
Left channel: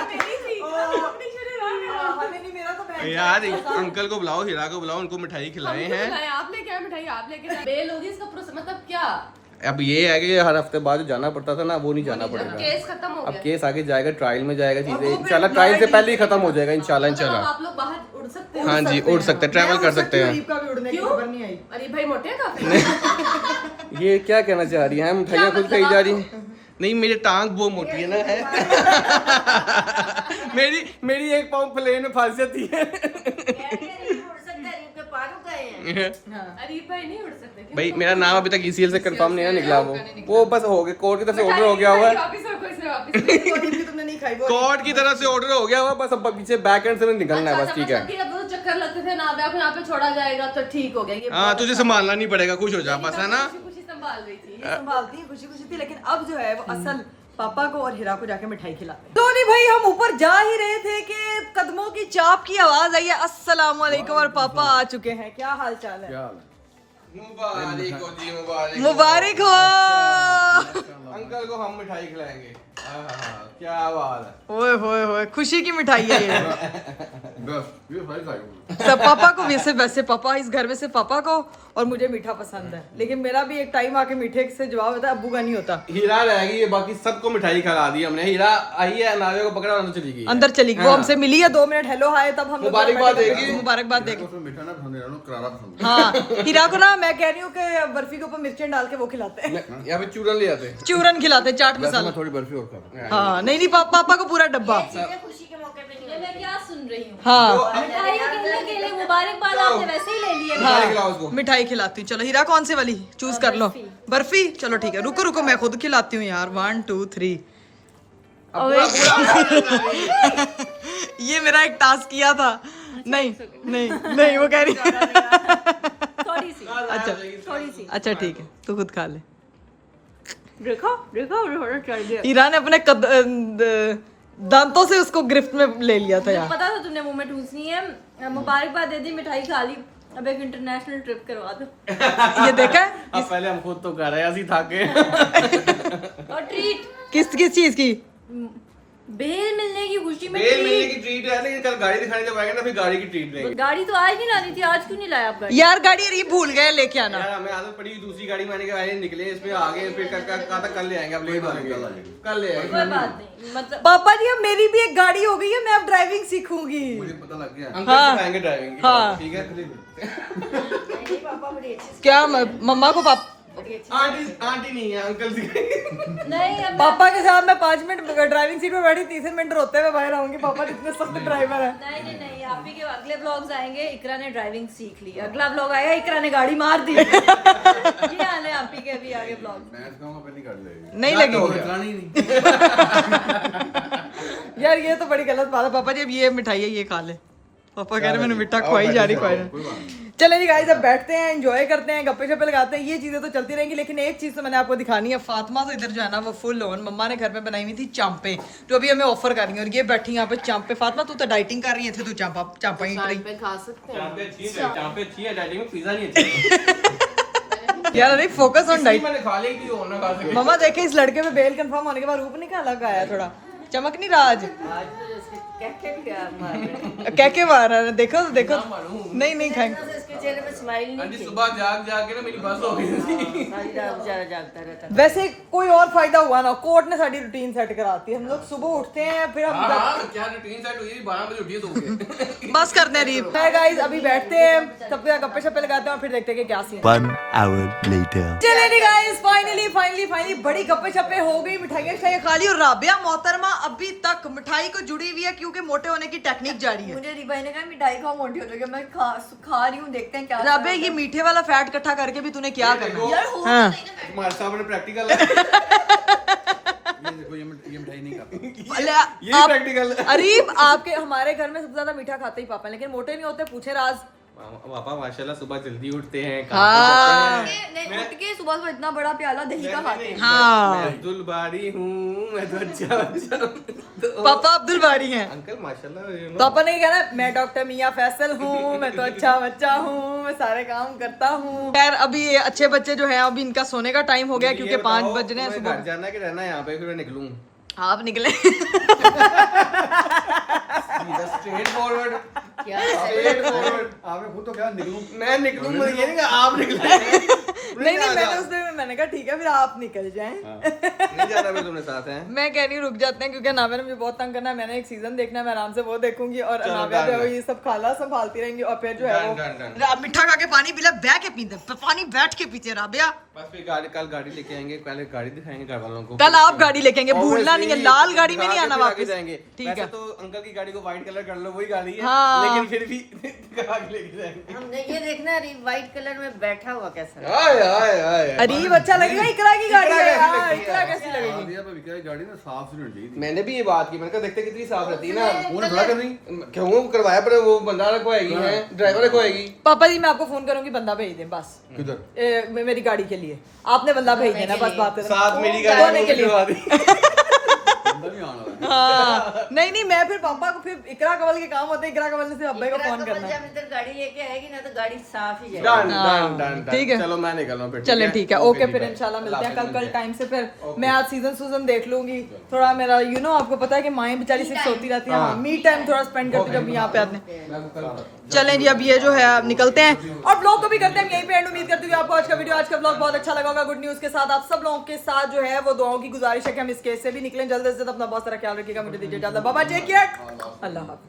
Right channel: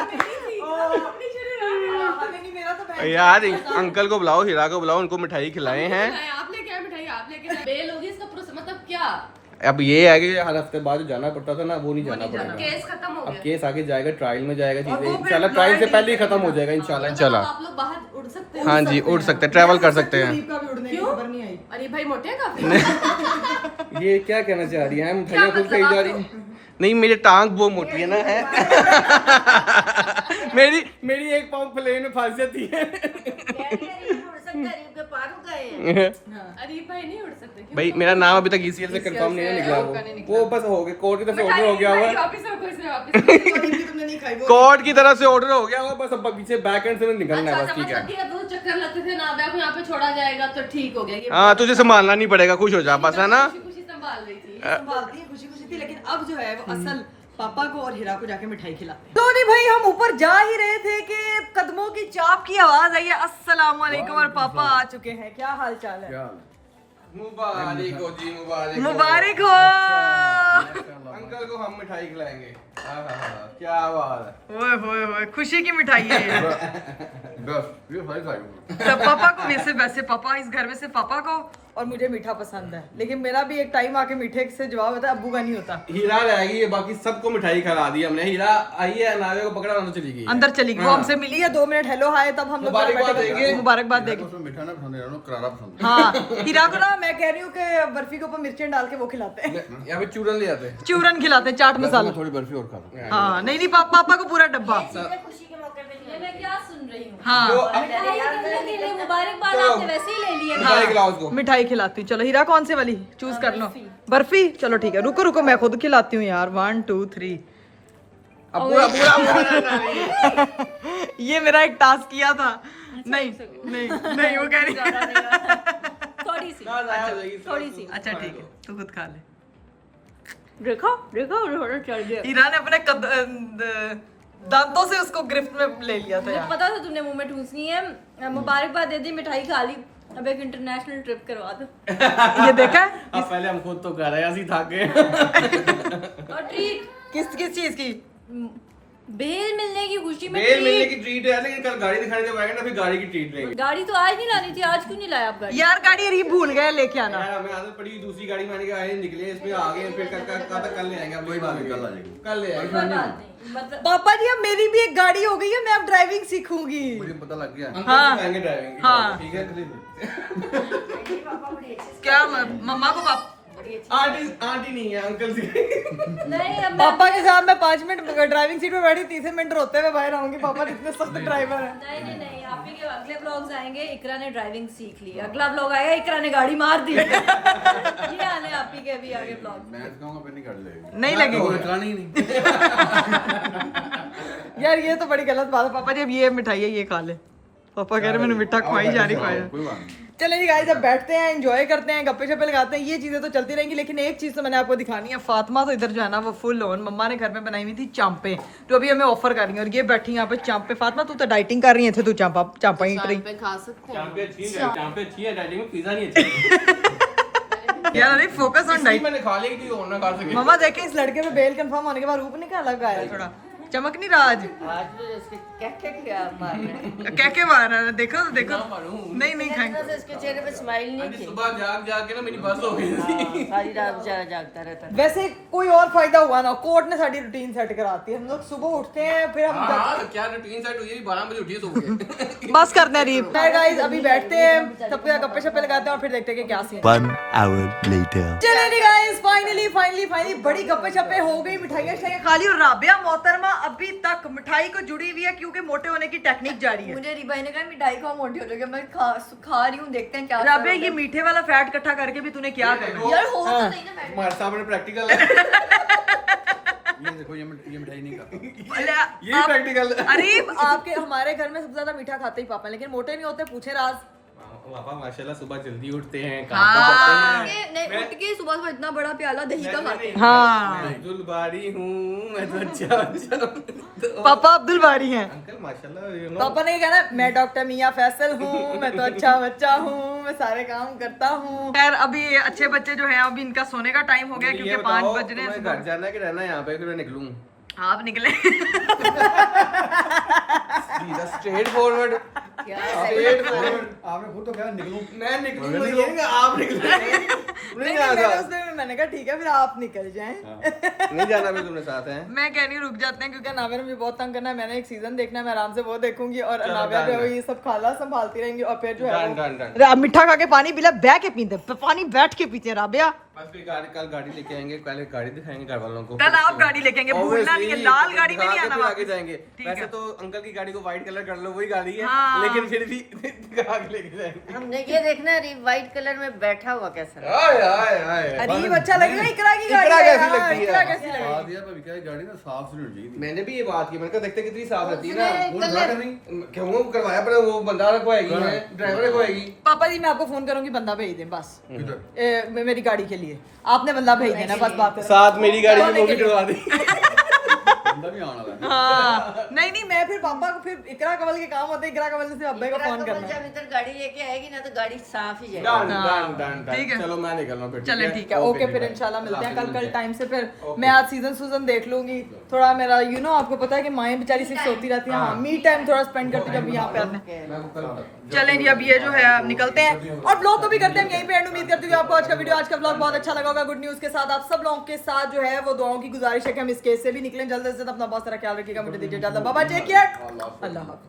मेरी थी। अपनी शुरू नहीं, मेरा तो यार अंकल को बुलाओ, हीरा को बुलाओ, उनको मिठाई खिलाए हैं। आपने क्या मिठाई आप लेके बेल होगी इसका मतलब क्या? अब ये है कि हर हफ्ते बाद जाना पड़ता था ना, वो नहीं जाना पड़ेगा। केस खत्म हो अब गया। केस आगे जाएगा, ट्रायल में जाएगा, चीजें इंशाल्लाह ट्रायल से पहले ही खत्म हो जाएगा इंशाल्लाह। आप लोग बाहर उड़ सकते हैं। हाँ जी, उड़ सकते हैं, ट्रैवल कर सकते हैं। का भी उड़ने की खबर नहीं आई। अरे भाई मोटे हैं काफी। ये क्या कहना चाह रही है? मिठाइयाँ खुद खाई जा रही हैं। नहीं, मेरी टांग बहुत मोटी है ना, है। मेरी एक पाँव प्लेन में फंस जाती है। अरीब भाई नहीं उड़ सकते। क्यों? भाई मेरा नाम अभी तक ECL से कंफर्म नहीं है निकला, वो बस हो गया, कोर्ट की तरफ से ऑर्डर हो गया हुआ है। वापस रखो इसे वापस। तुमने नहीं खाई वो। कोर्ट की तरफ से ऑर्डर हो गया हुआ है, बस अब पीछे बैक एंड से निकलना है बस, ठीक है। ठीक है, तो चक्कर लगते थे ना, को यहाँ पे छोड़ा जाएगा तो ठीक हो गया। ये हाँ, तुझे संभालना नहीं पड़ेगा, खुश हो जा बस, है ना। खुशी संभाल रही थी। संभालती है, खुशी खुशी थी, लेकिन अब जो है वो असल पापा को और हीरा को जाके मिठाई खिलाते हैं। तो नहीं भाई, हम ऊपर जा ही रहे थे कि कदमों की चाप की आवाज आई है। अस्सलाम वालेकुम, और पापा आ चुके हैं। क्या हाल चाल है? मुबारक हो जी, मुबारक हो। अंकल को हम मिठाई खिलाएंगे। क्या बात है। ओए होए होए, खुशी की मिठाई है ये। बस ये भाई खाएंगे। सब पापा को, वैसे पापा इस घर में से पापा को और मुझे मीठा पसंद है, लेकिन मेरा भी एक टाइम आके मीठे से जवाब होता है, अब्बू का नहीं होता। हीरा रहेगी, ये बाकी सबको मिठाई खिला दी हमने। हीरा आई है, नावे को पकड़ा, अंदर चली गई। अंदर चली गई, वो हमसे मिली है, 2 मिनट हेलो हाय, तब हम लोग मुबारकबाद देंगे। मुबारकबाद देंगे। मीठा ना पसंद है, करारा पसंद हाँ, हीरा को ना मैं कह रही हूँ कि बर्फी के ऊपर मिर्चें डाल के वो खिलाते हैं, यहाँ पे चूरन ले आते हैं। चूरन खिलाते हैं, चाट मसाला। थोड़ी बर्फी और खा। हाँ, नहीं पापा को पूरा डब्बा। खुशी के मौके पे नहीं मैं क्या सुन रही हूँ? हाँ मिठाई के लिए मुबारकबाद, आपने वैसे ही ले लिए। मिठाई खिलाओ उसको। मिठाई खिलाती हूँ। चलो हीरा, कौन से वाली चूज कर लो? बर्फी। चलो ठीक है, रुको मैं खुद खिलाती हूँ यार। 1 2 3। ये मेरा एक टास्क किया था। नहीं वो कह रही। थोड़ी सी। अच्छा ठीक है, तू खुद खा ले। देखो चल गया। हीरा ने अपने दांतों से उसको गिरफ्त में ले लिया था मुझे यार। पता था तुमने मुंह में ठूसनी है। मुबारकबाद दे दी, मिठाई खा ली, अब एक इंटरनेशनल ट्रिप करवा दो। ये देखा है? अब पहले हम खुद तो कर रहे हैं, असि थक गए। और ट्रीट किस चीज की? बेल मिलने की खुशी में बेल मिलने ट्रीट। की ट्रीट है, लेकिन कल गाड़ी दिखाने जब आएंगे ना, फिर गाड़ी की ट्रीट लेंगे। गाड़ी तो आज नहीं लानी थी, आज क्यों नहीं लाया आप गाड़ी? यार गाड़ी अरे भूल गए लेके आना। यार हमें आदत पड़ी, दूसरी गाड़ी में आने के आए, निकले इसमें आ गए, फिर कल ले आएंगे। अब कोई बात नहीं, कल ले आएंगे। मतलब पापा जी, अब मेरी भी एक गाड़ी हो गई है, मैं अब ड्राइविंग सीखूंगी। मुझे पता लग गया। अंकल सिखाएंगे ड्राइविंग। हाँ। ठीक है। क्या मम्मा को आंटी नहीं है, अंकल सिखाएंगे। नहीं, अब पापा के साथ मैं 5 मिनट ड्राइविंग सीट पे बैठी, तीसरे मिनट रोते हुए बाहर आऊंगी। पापा इतने सख्त ड्राइवर है। नहीं, आप ही के अगले व्लॉग्स आएंगे, इकरा ने ड्राइविंग सीख ली, अगला व्लॉग आएगा इकरा ने गाड़ी मार दी। ये आने आप ही के भी आगे व्लॉग नहीं लगेगी यार, ये तो बड़ी गलत बात है। पापा जी अब ये मिठाई है, ये खा ले। पापा कह रहे मैंने मिठा खुआई जा रही। चले जी गाइस, अब बैठते हैं, एंजॉय करते हैं, गप्पे शप्पे लगाते हैं, ये चीजें तो चलती रहेंगी। लेकिन एक चीज तो मैंने आपको दिखानी है, फातिमा तो इधर जो है ना वो फुल ऑन, मम्मा ने घर में बनाई हुई थी चांपे, तो अभी हमें ऑफर कर रही है और ये बैठी यहाँ पे चांपे। फातिमा तू तो डाइटिंग कर रही है, तू चांपा ही पे खा सकते हैं। चांपे अच्छी है, डाइटिंग में पिज्जा नहीं अच्छी यार अरे फोकस ऑन डाइट। मैंने खा ली थी और ना खा सके। मम्मा देखे इस लड़के में बेल कंफर्म होने के बाद रूप निकल अलग आया, थोड़ा चमक नहीं रहा आज। क्या क्या मार रहा है, देखो देखो। नहीं नहीं खाएंगे। इसके चेहरे पे स्माइल नहीं थी, सुबह जाग जाग के ना मेरी बस हो गई थी। सारी रात जागता रहता। वैसे कोई और फायदा हुआ ना, कोर्ट ने साडी रूटीन सेट कराती है। हम लोग सुबह उठते हैं, फिर हम क्या रूटीन सेट हुई है, 12 बजे उठी है तो बस करते हैं रीप। गाइस अभी बैठते हैं, सबके गप्पे शप्पे लगाते हैं और फिर देखते हैं कि क्या सीन। 1 hour later. चले जी गाइस, फाइनली बड़ी गप्पे शप्पे हो गई, मिठाइयाँ शिठाइयाँ खा ली और राबिया मोहतरमा अभी तक मिठाई को जुड़ी हुई है क्योंकि मोटे होने की टेक्निक जारी है। मुझे रिबाई ने कहा मिठाई खाओ मोटी हो जाएगी, मैं खा रही हूँ, देखते हैं क्या। राबिया ये मीठे वाला फैट इकट्ठा करके भी तूने क्या करना है? यार हो हमारे सामने प्रैक्टिकल है। ये देखो, ये मिठाई नहीं खाता। ये प्रैक्टिकल है। अरीब आपके हमारे घर में सबसे ज्यादा मीठा खाते ही पापा, लेकिन मोटे नहीं होते। पूछे राज। पापा माशाल्लाह सुबह जल्दी उठते हैं, हाँ। काम पे जाते हैं। नहीं उठ के सुबह इतना बड़ा प्याला दही का खाते हैं। हाँ अब्दुल बारी हूँ मैं तो अच्छा पापा अब्दुल बारी हैं। अंकल माशाल्लाह। तो अपन ने क्या कहना, मैं डॉक्टर मियाँ फैसल हूँ, मैं तो अच्छा बच्चा हूँ, मैं सारे काम करता हूँ। खैर अभी अच्छे बच्चे जो हैं अभी इनका सोने का टाइम हो गया क्योंकि 5 बज रहे हैं घर सुबह। जाना है कि रहना है यहाँ पे, फिर मैं निकलूं। आप निकले। Straight forward. Straight forward. आपने खुद तो क्या निकलूं? मैं निकलूं, मुझे ये नहीं कि आप निकले। नहीं मैंने उस दिन मैंने कहा ठीक है फिर आप निकल जाएं। नहीं जाना भी तुमने साथ है। मैं कह रही हूँ रुक जाते हैं क्योंकि नाविया ने मुझे बहुत तंग करना है। मैंने एक सीजन देखना है, मैं आराम से वो देखूंगी और चलो, नाविया जो है वो डन, ये सब खाला संभालती रहेंगी और फिर जो है वो डन। मिठा खा के पानी पीला, बह के पीते, पानी बैठ के पीते। राबिया बस फिर कल गाड़ी लेके आएंगे, कल गाड़ी दिखाएंगे घर वालों को। कल आप गाड़ी लेके आएंगे, भूलना नहीं है, लाल गाड़ी में नहीं आना वापस। जाएंगे। ठीक वैसे है तो अंकल की गाड़ी को व्हाइट कलर कर लो, वही गाड़ी है। हाँ। लेकिन फिर भी दिखा के लेके जाएंगे। हमने ये देखना है व्हाइट कलर में बैठा हुआ कैसा लगता आय आय आय। अरीब अच्छा लगेगा। इकरा की गाड़ी है कैसी यार, लगती है? इकरा कैसी लगेगी? आदिया पे क्या गाड़ी ना साफ सुथरी होनी चाहिए। मैंने भी ये बात की, मैंने कहा देखते कितनी साफ रहती है ना। वो धुला कर नहीं। क्यों करवाया, पर वो बंदा रखवाएगी है, ड्राइवर रखवाएगी। पापा जी मैं आपको फोन करूंगी, बंदा भेज दें बस किधर? मेरी गाड़ी के लिए। आपने बंदा भेज देना बस, बात है। साथ मेरी गाड़ी धोने में के भी लिए। करवा दी। बंदा भी आना है। हाँ नहीं मैं फिर पापा को फिर इकरा कवल के काम होते हैं, इकरा कवल ने सिर्फ अब्बे को फोन करना है। जब इधर गाड़ी लेके आएगी ना तो गाड़ी साफ ही जाएगी। डन हाँ, डन डन ठीक है। चलो मैं निकल रहा हूँ फिर। चलो ठीक है, ओके फिर इंशाल्लाह मिलते हैं कल टाइम से। फिर मैं आज सीजन देख लूंगी थोड़ा। मेरा आपको पता है कि माएँ बेचारी सिर्फ सोती रहती हैं। हाँ मी टाइम थोड़ा स्पेंड करती जब यहाँ पे आते। चलें जी अब ये जो है अब निकलते हैं और ब्लॉग को भी करते हैं यहीं पे एंड। उम्मीद करती हूँ आपको आज का वीडियो, आज का ब्लॉग बहुत अच्छा लगा होगा। गुड न्यूज के साथ आप सब लोगों के साथ जो है वो दुआओं की गुजारिश है कि हम इस केस से भी निकलें जल्द से जल्द। अपना बहुत सारा ख्याल रखिएगा, मुझे दीजिए इजाजत। बाबा टेक केयर, अल्लाह हाफिज़।